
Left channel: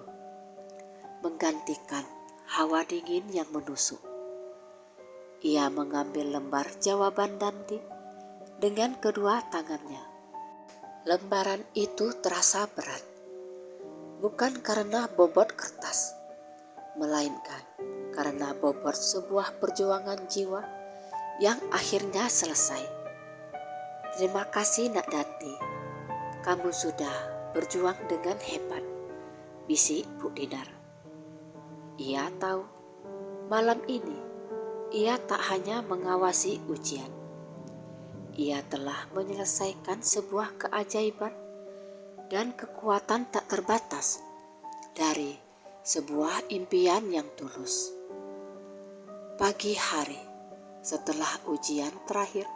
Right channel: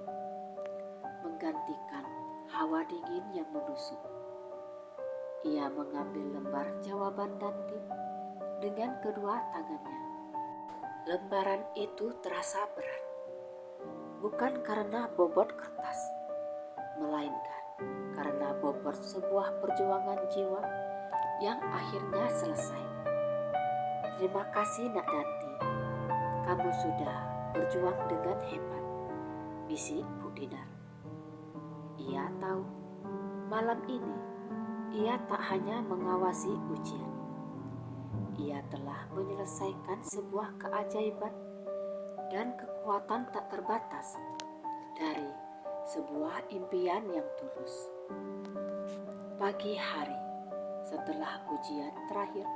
menggantikan hawa dingin yang menusuk. Ia mengambil lembar jawaban Danti dengan kedua tangannya. Lembaran itu terasa berat, bukan karena bobot kertas, melainkan karena bobot sebuah perjuangan jiwa yang akhirnya selesai. Terima kasih Nak Danti, kamu sudah berjuang dengan hebat, bisik Bu Dinar. Ia tahu malam ini ia tak hanya mengawasi ujian, ia telah menyelesaikan sebuah keajaiban dan kekuatan tak terbatas dari sebuah impian yang tulus. Pagi hari setelah ujian terakhir,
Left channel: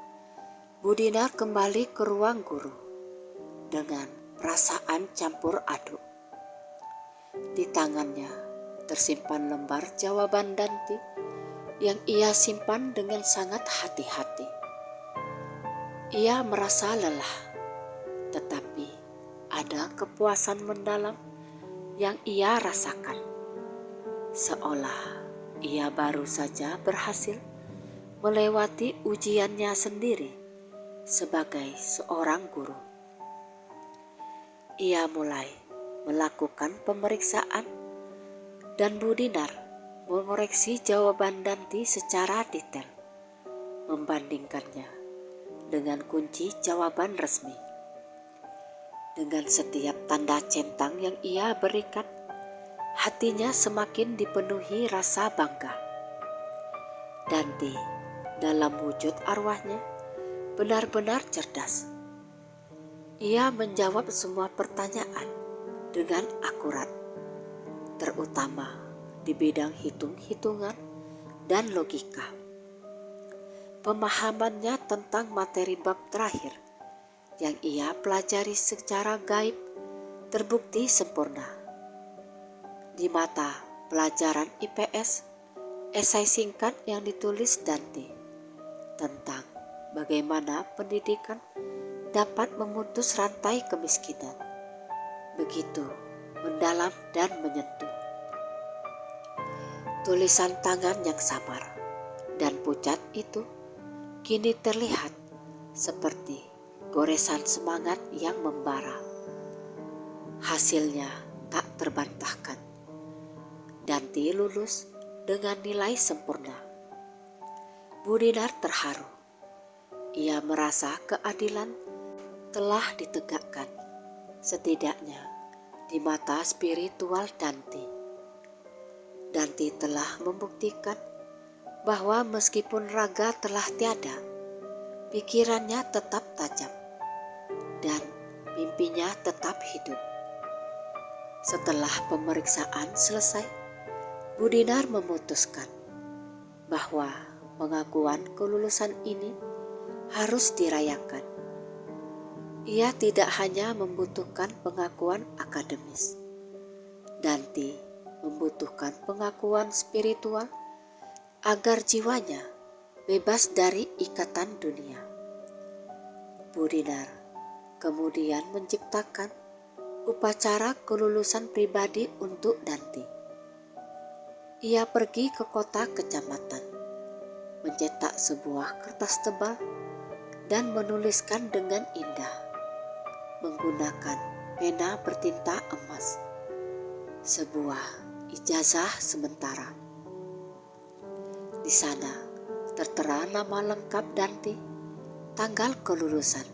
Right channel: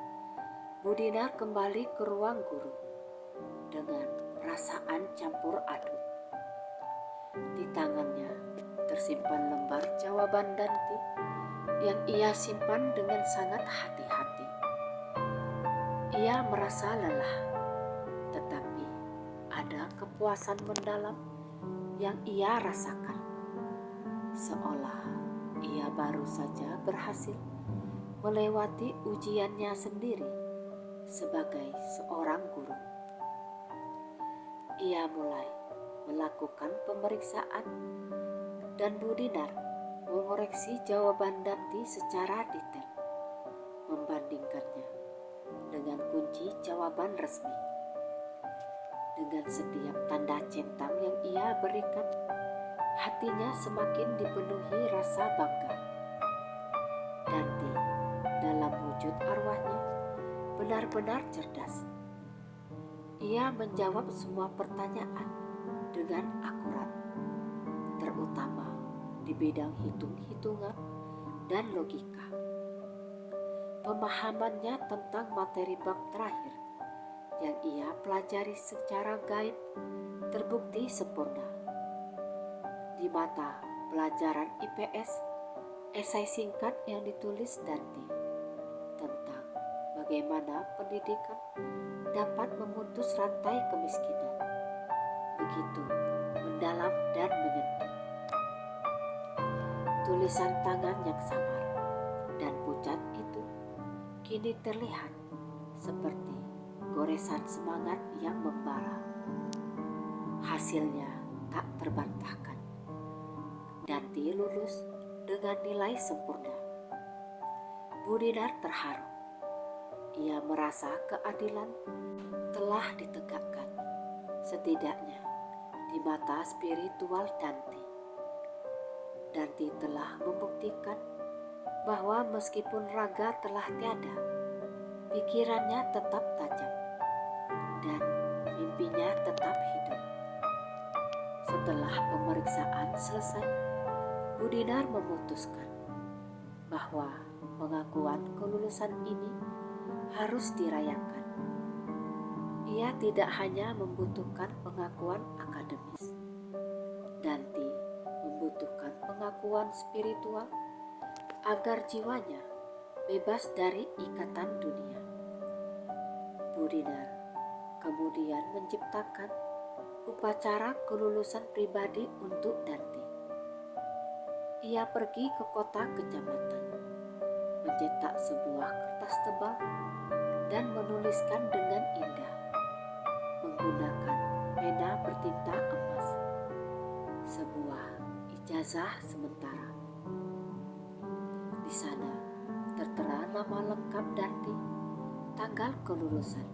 Bu Dinar kembali ke ruang guru dengan perasaan campur aduk. Di tangannya tersimpan lembar jawaban Danti yang ia simpan dengan sangat hati-hati. Ia merasa lelah, tetapi ada kepuasan mendalam yang ia rasakan. Seolah ia baru saja berhasil melewati ujiannya sendiri sebagai seorang guru. Ia mulai melakukan pemeriksaan dan Bu Dinar mengoreksi jawaban Danti secara detail, membandingkannya dengan kunci jawaban resmi. Dengan setiap tanda centang yang ia berikan, hatinya semakin dipenuhi rasa bangga. Danti dalam wujud arwahnya benar-benar cerdas. Ia menjawab semua pertanyaan dengan akurat, terutama di bidang hitung-hitungan dan logika. Pemahamannya tentang materi bab terakhir yang ia pelajari secara gaib terbukti sempurna. Di mata pelajaran IPS, esai singkat yang ditulis Danti tentang bagaimana pendidikan dapat memutus rantai kemiskinan begitu mendalam dan menyentuh. Tulisan tangan yang samar dan pucat itu kini terlihat seperti goresan semangat yang membara. Hasilnya tak terbantahkan. Danti lulus dengan nilai sempurna. Bu Dinar terharu. Ia merasa keadilan telah ditegakkan, setidaknya di mata spiritual Danti. Danti telah membuktikan bahwa meskipun raga telah tiada, pikirannya tetap tajam dan mimpinya tetap hidup. Setelah pemeriksaan selesai, Bu Dinar memutuskan bahwa pengakuan kelulusan ini harus dirayakan. Ia tidak hanya membutuhkan pengakuan akademis. Danti membutuhkan pengakuan spiritual agar jiwanya bebas dari ikatan dunia. Bu Dinar kemudian menciptakan upacara kelulusan pribadi untuk Danti. Ia pergi ke kota kecamatan, mencetak sebuah kertas tebal dan menuliskan dengan indah menggunakan pena bertinta emas sebuah ijazah sementara. Di sana tertera nama lengkap Danti, tanggal kelulusan,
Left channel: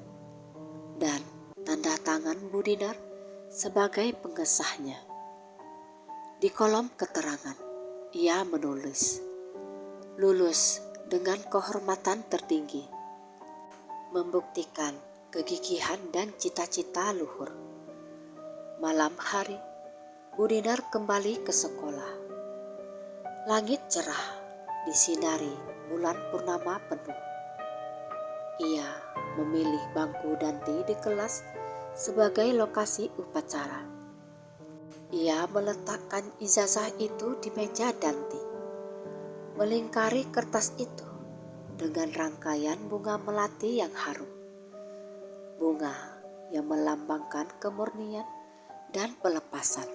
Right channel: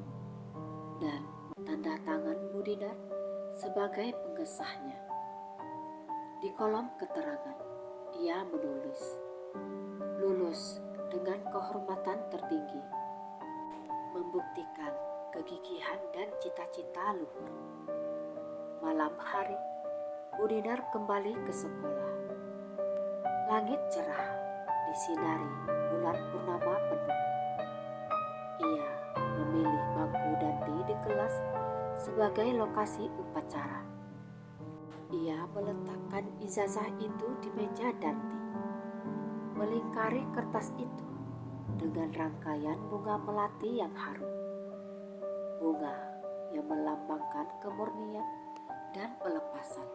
dan tanda tangan Bu Dinar sebagai pengesahnya. Di kolom keterangan, ia menulis, "Lulus dengan kehormatan tertinggi, membuktikan kegigihan dan cita-cita luhur." Malam hari, Bu Dinar kembali ke sekolah. Langit cerah disinari bulan purnama penuh. Ia memilih bangku Danti di kelas sebagai lokasi upacara. Ia meletakkan ijazah itu di meja Danti. melingkari kertas itu dengan rangkaian bunga melati yang harum. Bunga yang melambangkan kemurnian dan pelepasan.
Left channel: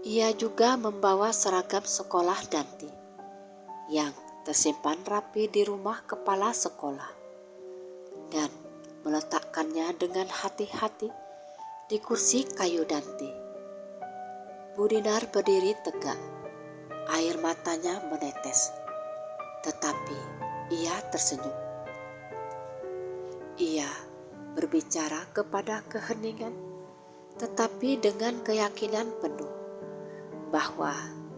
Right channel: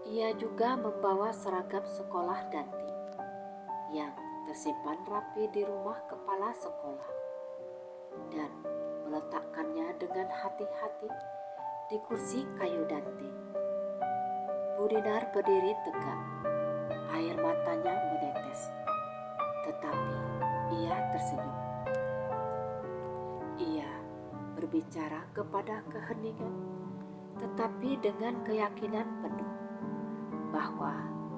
Ia juga membawa seragam sekolah Danti yang tersimpan rapi di rumah kepala sekolah dan meletakkannya dengan hati-hati di kursi kayu Danti. Bu Dinar berdiri tegak, air matanya menetes, tetapi ia tersenyum. Ia berbicara kepada keheningan, tetapi dengan keyakinan penuh bahwa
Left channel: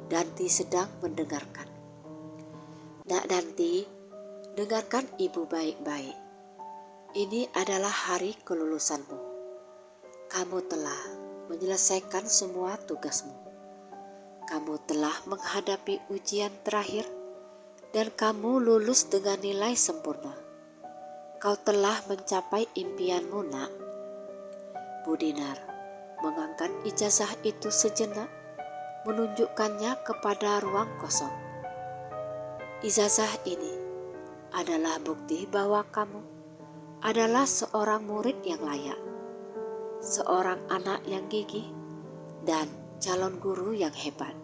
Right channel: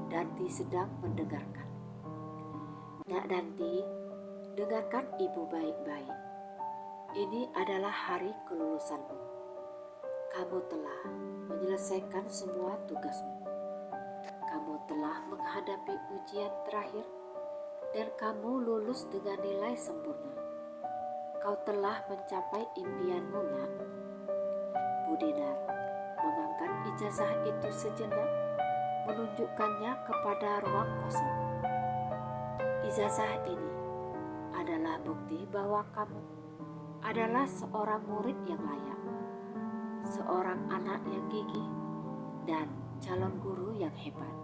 Danti sedang mendengarkan. Nak Danti, dengarkan ibu baik-baik. Ini adalah hari kelulusanmu. Kamu telah menyelesaikan semua tugasmu. Kamu telah menghadapi ujian terakhir dan kamu lulus dengan nilai sempurna. Kau telah mencapai impianmu, nak. Bu Dinar mengangkat ijazah itu sejenak, menunjukkannya kepada ruang kosong. Ijazah ini adalah bukti bahwa kamu adalah seorang murid yang layak, seorang anak yang gigih, dan calon guru yang hebat.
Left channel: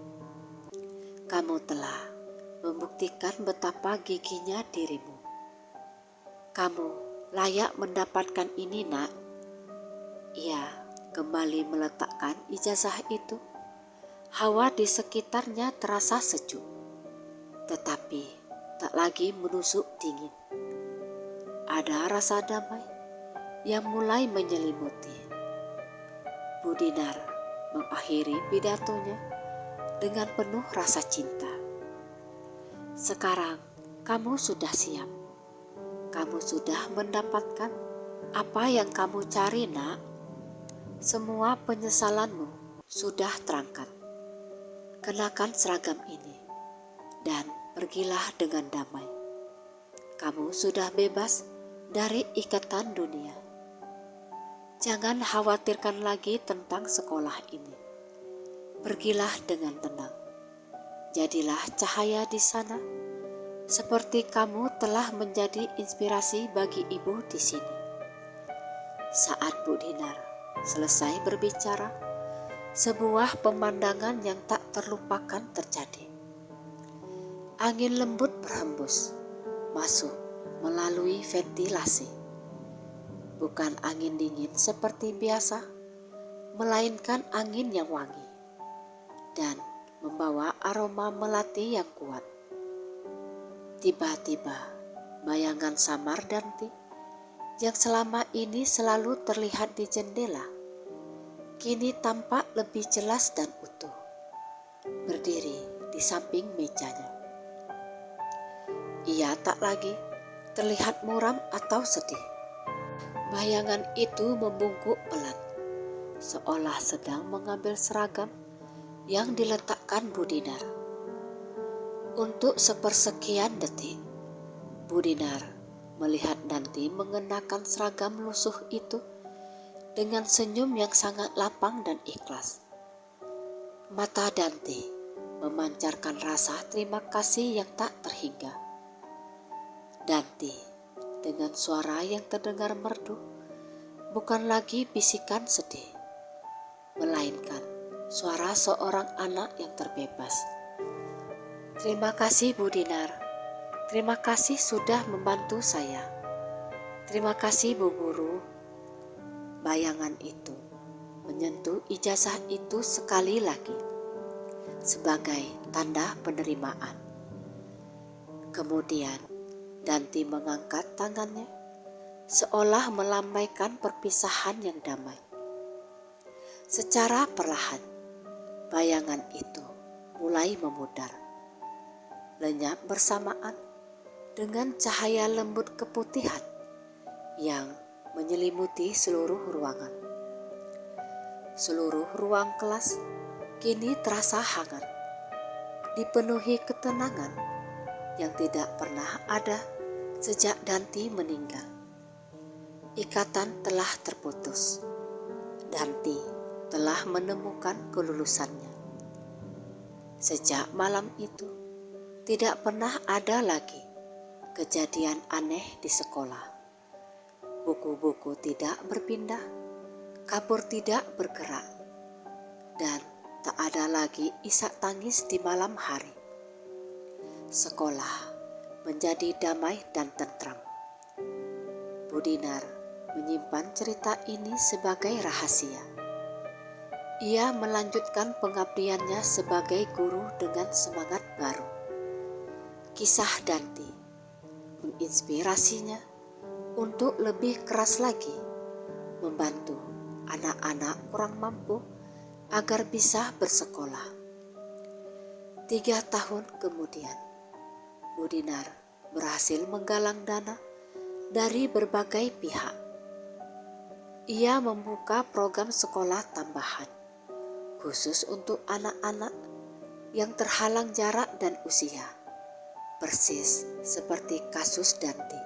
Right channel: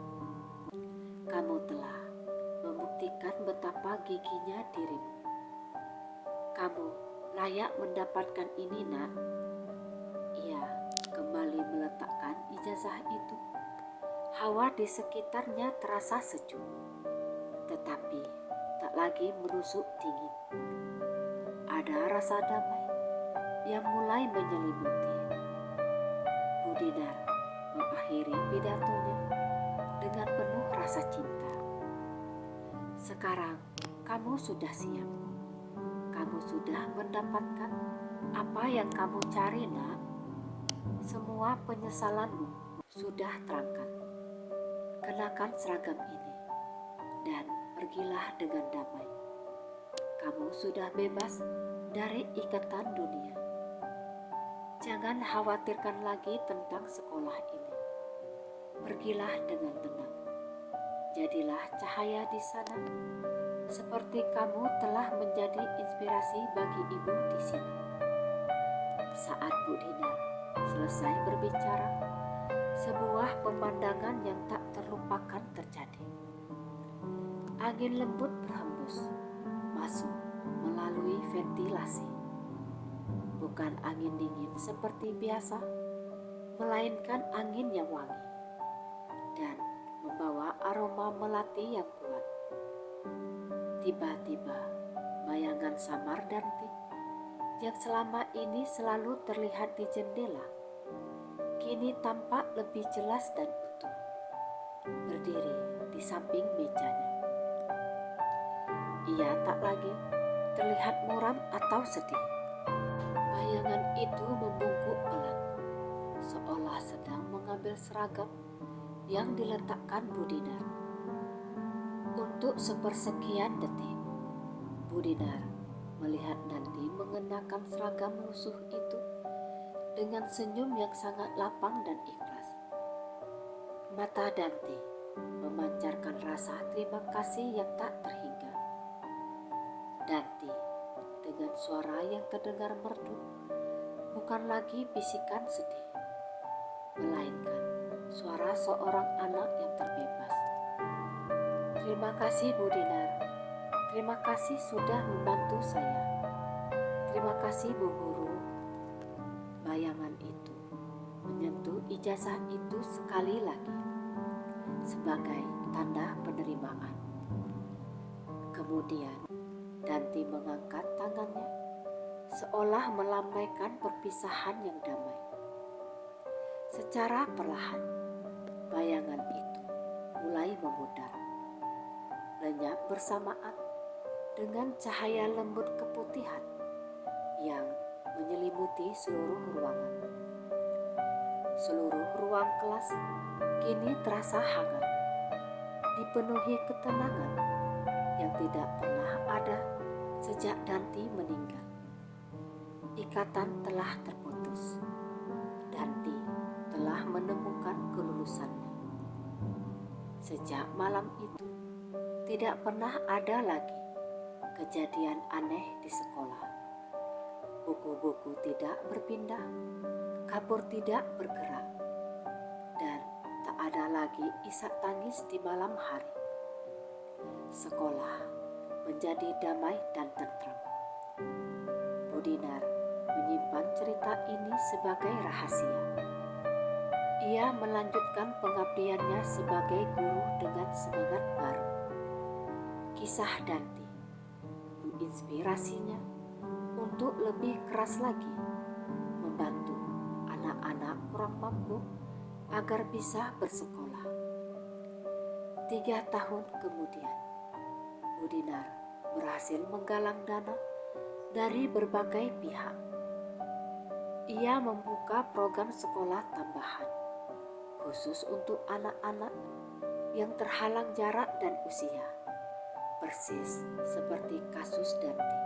Kamu telah membuktikan betapa gigihnya dirimu. Kamu layak mendapatkan ini, nak. Ia kembali meletakkan ijazah itu. Hawa di sekitarnya terasa sejuk, tetapi tak lagi menusuk dingin. Ada rasa damai yang mulai menyelimuti. Bu Dinar mengakhiri pidatonya dengan penuh rasa cinta. Sekarang kamu sudah siap. Kamu sudah mendapatkan apa yang kamu cari, nak. Semua penyesalanmu sudah terangkat. Kenakan seragam ini dan pergilah dengan damai. Kamu sudah bebas dari ikatan dunia. Jangan khawatirkan lagi tentang sekolah ini. Pergilah dengan tenang. Jadilah cahaya di sana, seperti kamu telah menjadi inspirasi bagi ibu di sini. Saat Bu Dinar selesai berbicara, sebuah pemandangan yang tak terlupakan terjadi. Angin lembut berhembus masuk melalui ventilasi. Bukan angin dingin seperti biasa, melainkan angin yang wangi dan membawa aroma melati yang kuat. Tiba-tiba bayangan samar Danti yang selama ini selalu terlihat di jendela kini tampak lebih jelas dan utuh, berdiri di samping mejanya. Ia tak lagi terlihat muram atau sedih. Bayangan itu membungkuk pelan, seolah sedang mengambil seragam yang diletakkan Bu Dinar. Untuk sepersekian detik, Bu Dinar melihat Danti mengenakan seragam lusuh itu dengan senyum yang sangat lapang dan ikhlas. Mata Danti memancarkan rasa terima kasih yang tak terhingga. Danti dengan suara yang terdengar merdu bukan lagi bisikan sedih, melainkan suara seorang anak yang terbebas. Terima kasih Bu Dinar. Terima kasih sudah membantu saya. Terima kasih Bu Guru. Bayangan itu menyentuh ijazah itu sekali lagi sebagai tanda penerimaan. Kemudian Danti mengangkat tangannya seolah melambaikan perpisahan yang damai. Secara perlahan bayangan itu mulai memudar, lenyap bersamaan dengan cahaya lembut keputihan yang menyelimuti seluruh ruangan. Seluruh ruang kelas kini terasa hangat, dipenuhi ketenangan yang tidak pernah ada sejak Danti meninggal. Ikatan telah terputus. Danti telah menemukan kelulusannya. Sejak malam itu, Tidak pernah ada lagi kejadian aneh di sekolah. Buku-buku tidak berpindah, kapur tidak bergerak, dan tak ada lagi isak tangis di malam hari. Sekolah menjadi damai dan tentram. Bu Dinar menyimpan cerita ini sebagai rahasia. Ia melanjutkan pengabdiannya sebagai guru dengan semangat baru. Kisah Danti menginspirasinya untuk lebih keras lagi membantu anak-anak kurang mampu agar bisa bersekolah. 3 tahun kemudian, Bu Dinar berhasil menggalang dana dari berbagai pihak. Ia membuka program sekolah tambahan khusus untuk anak-anak yang terhalang jarak dan usia, persis seperti kasus Danti.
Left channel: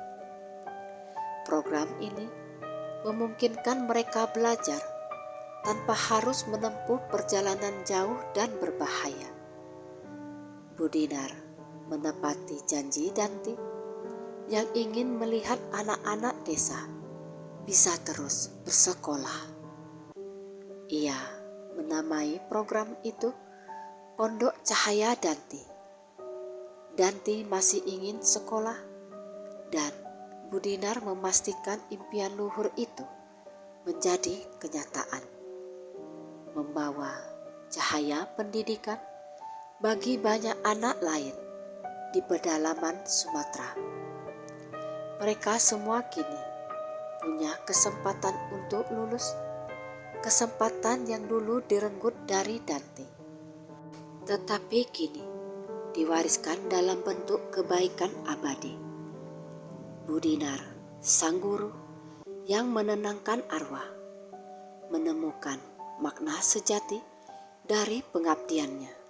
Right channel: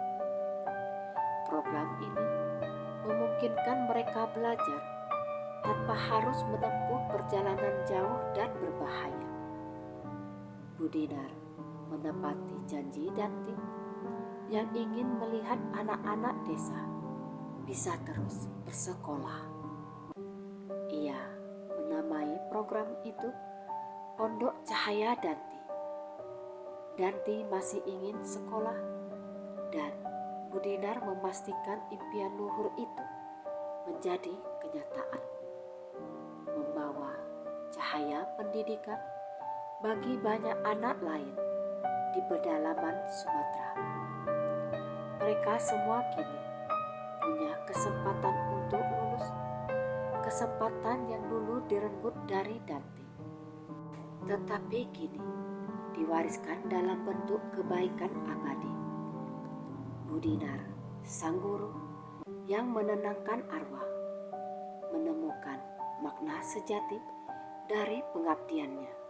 Program ini memungkinkan mereka belajar tanpa harus menempuh perjalanan jauh dan berbahaya. Bu Dinar menepati janji Danti yang ingin melihat anak-anak desa bisa terus bersekolah. Ia menamai program itu Pondok Cahaya Danti. Danti masih ingin sekolah, dan Bu Dinar memastikan impian luhur itu menjadi kenyataan. Membawa cahaya pendidikan bagi banyak anak lain di pedalaman Sumatera. Mereka semua kini punya kesempatan untuk lulus, kesempatan yang dulu direnggut dari Danti, tetapi kini diwariskan dalam bentuk kebaikan abadi. Bu Dinar, sang guru yang menenangkan arwah, menemukan makna sejati dari pengabdiannya.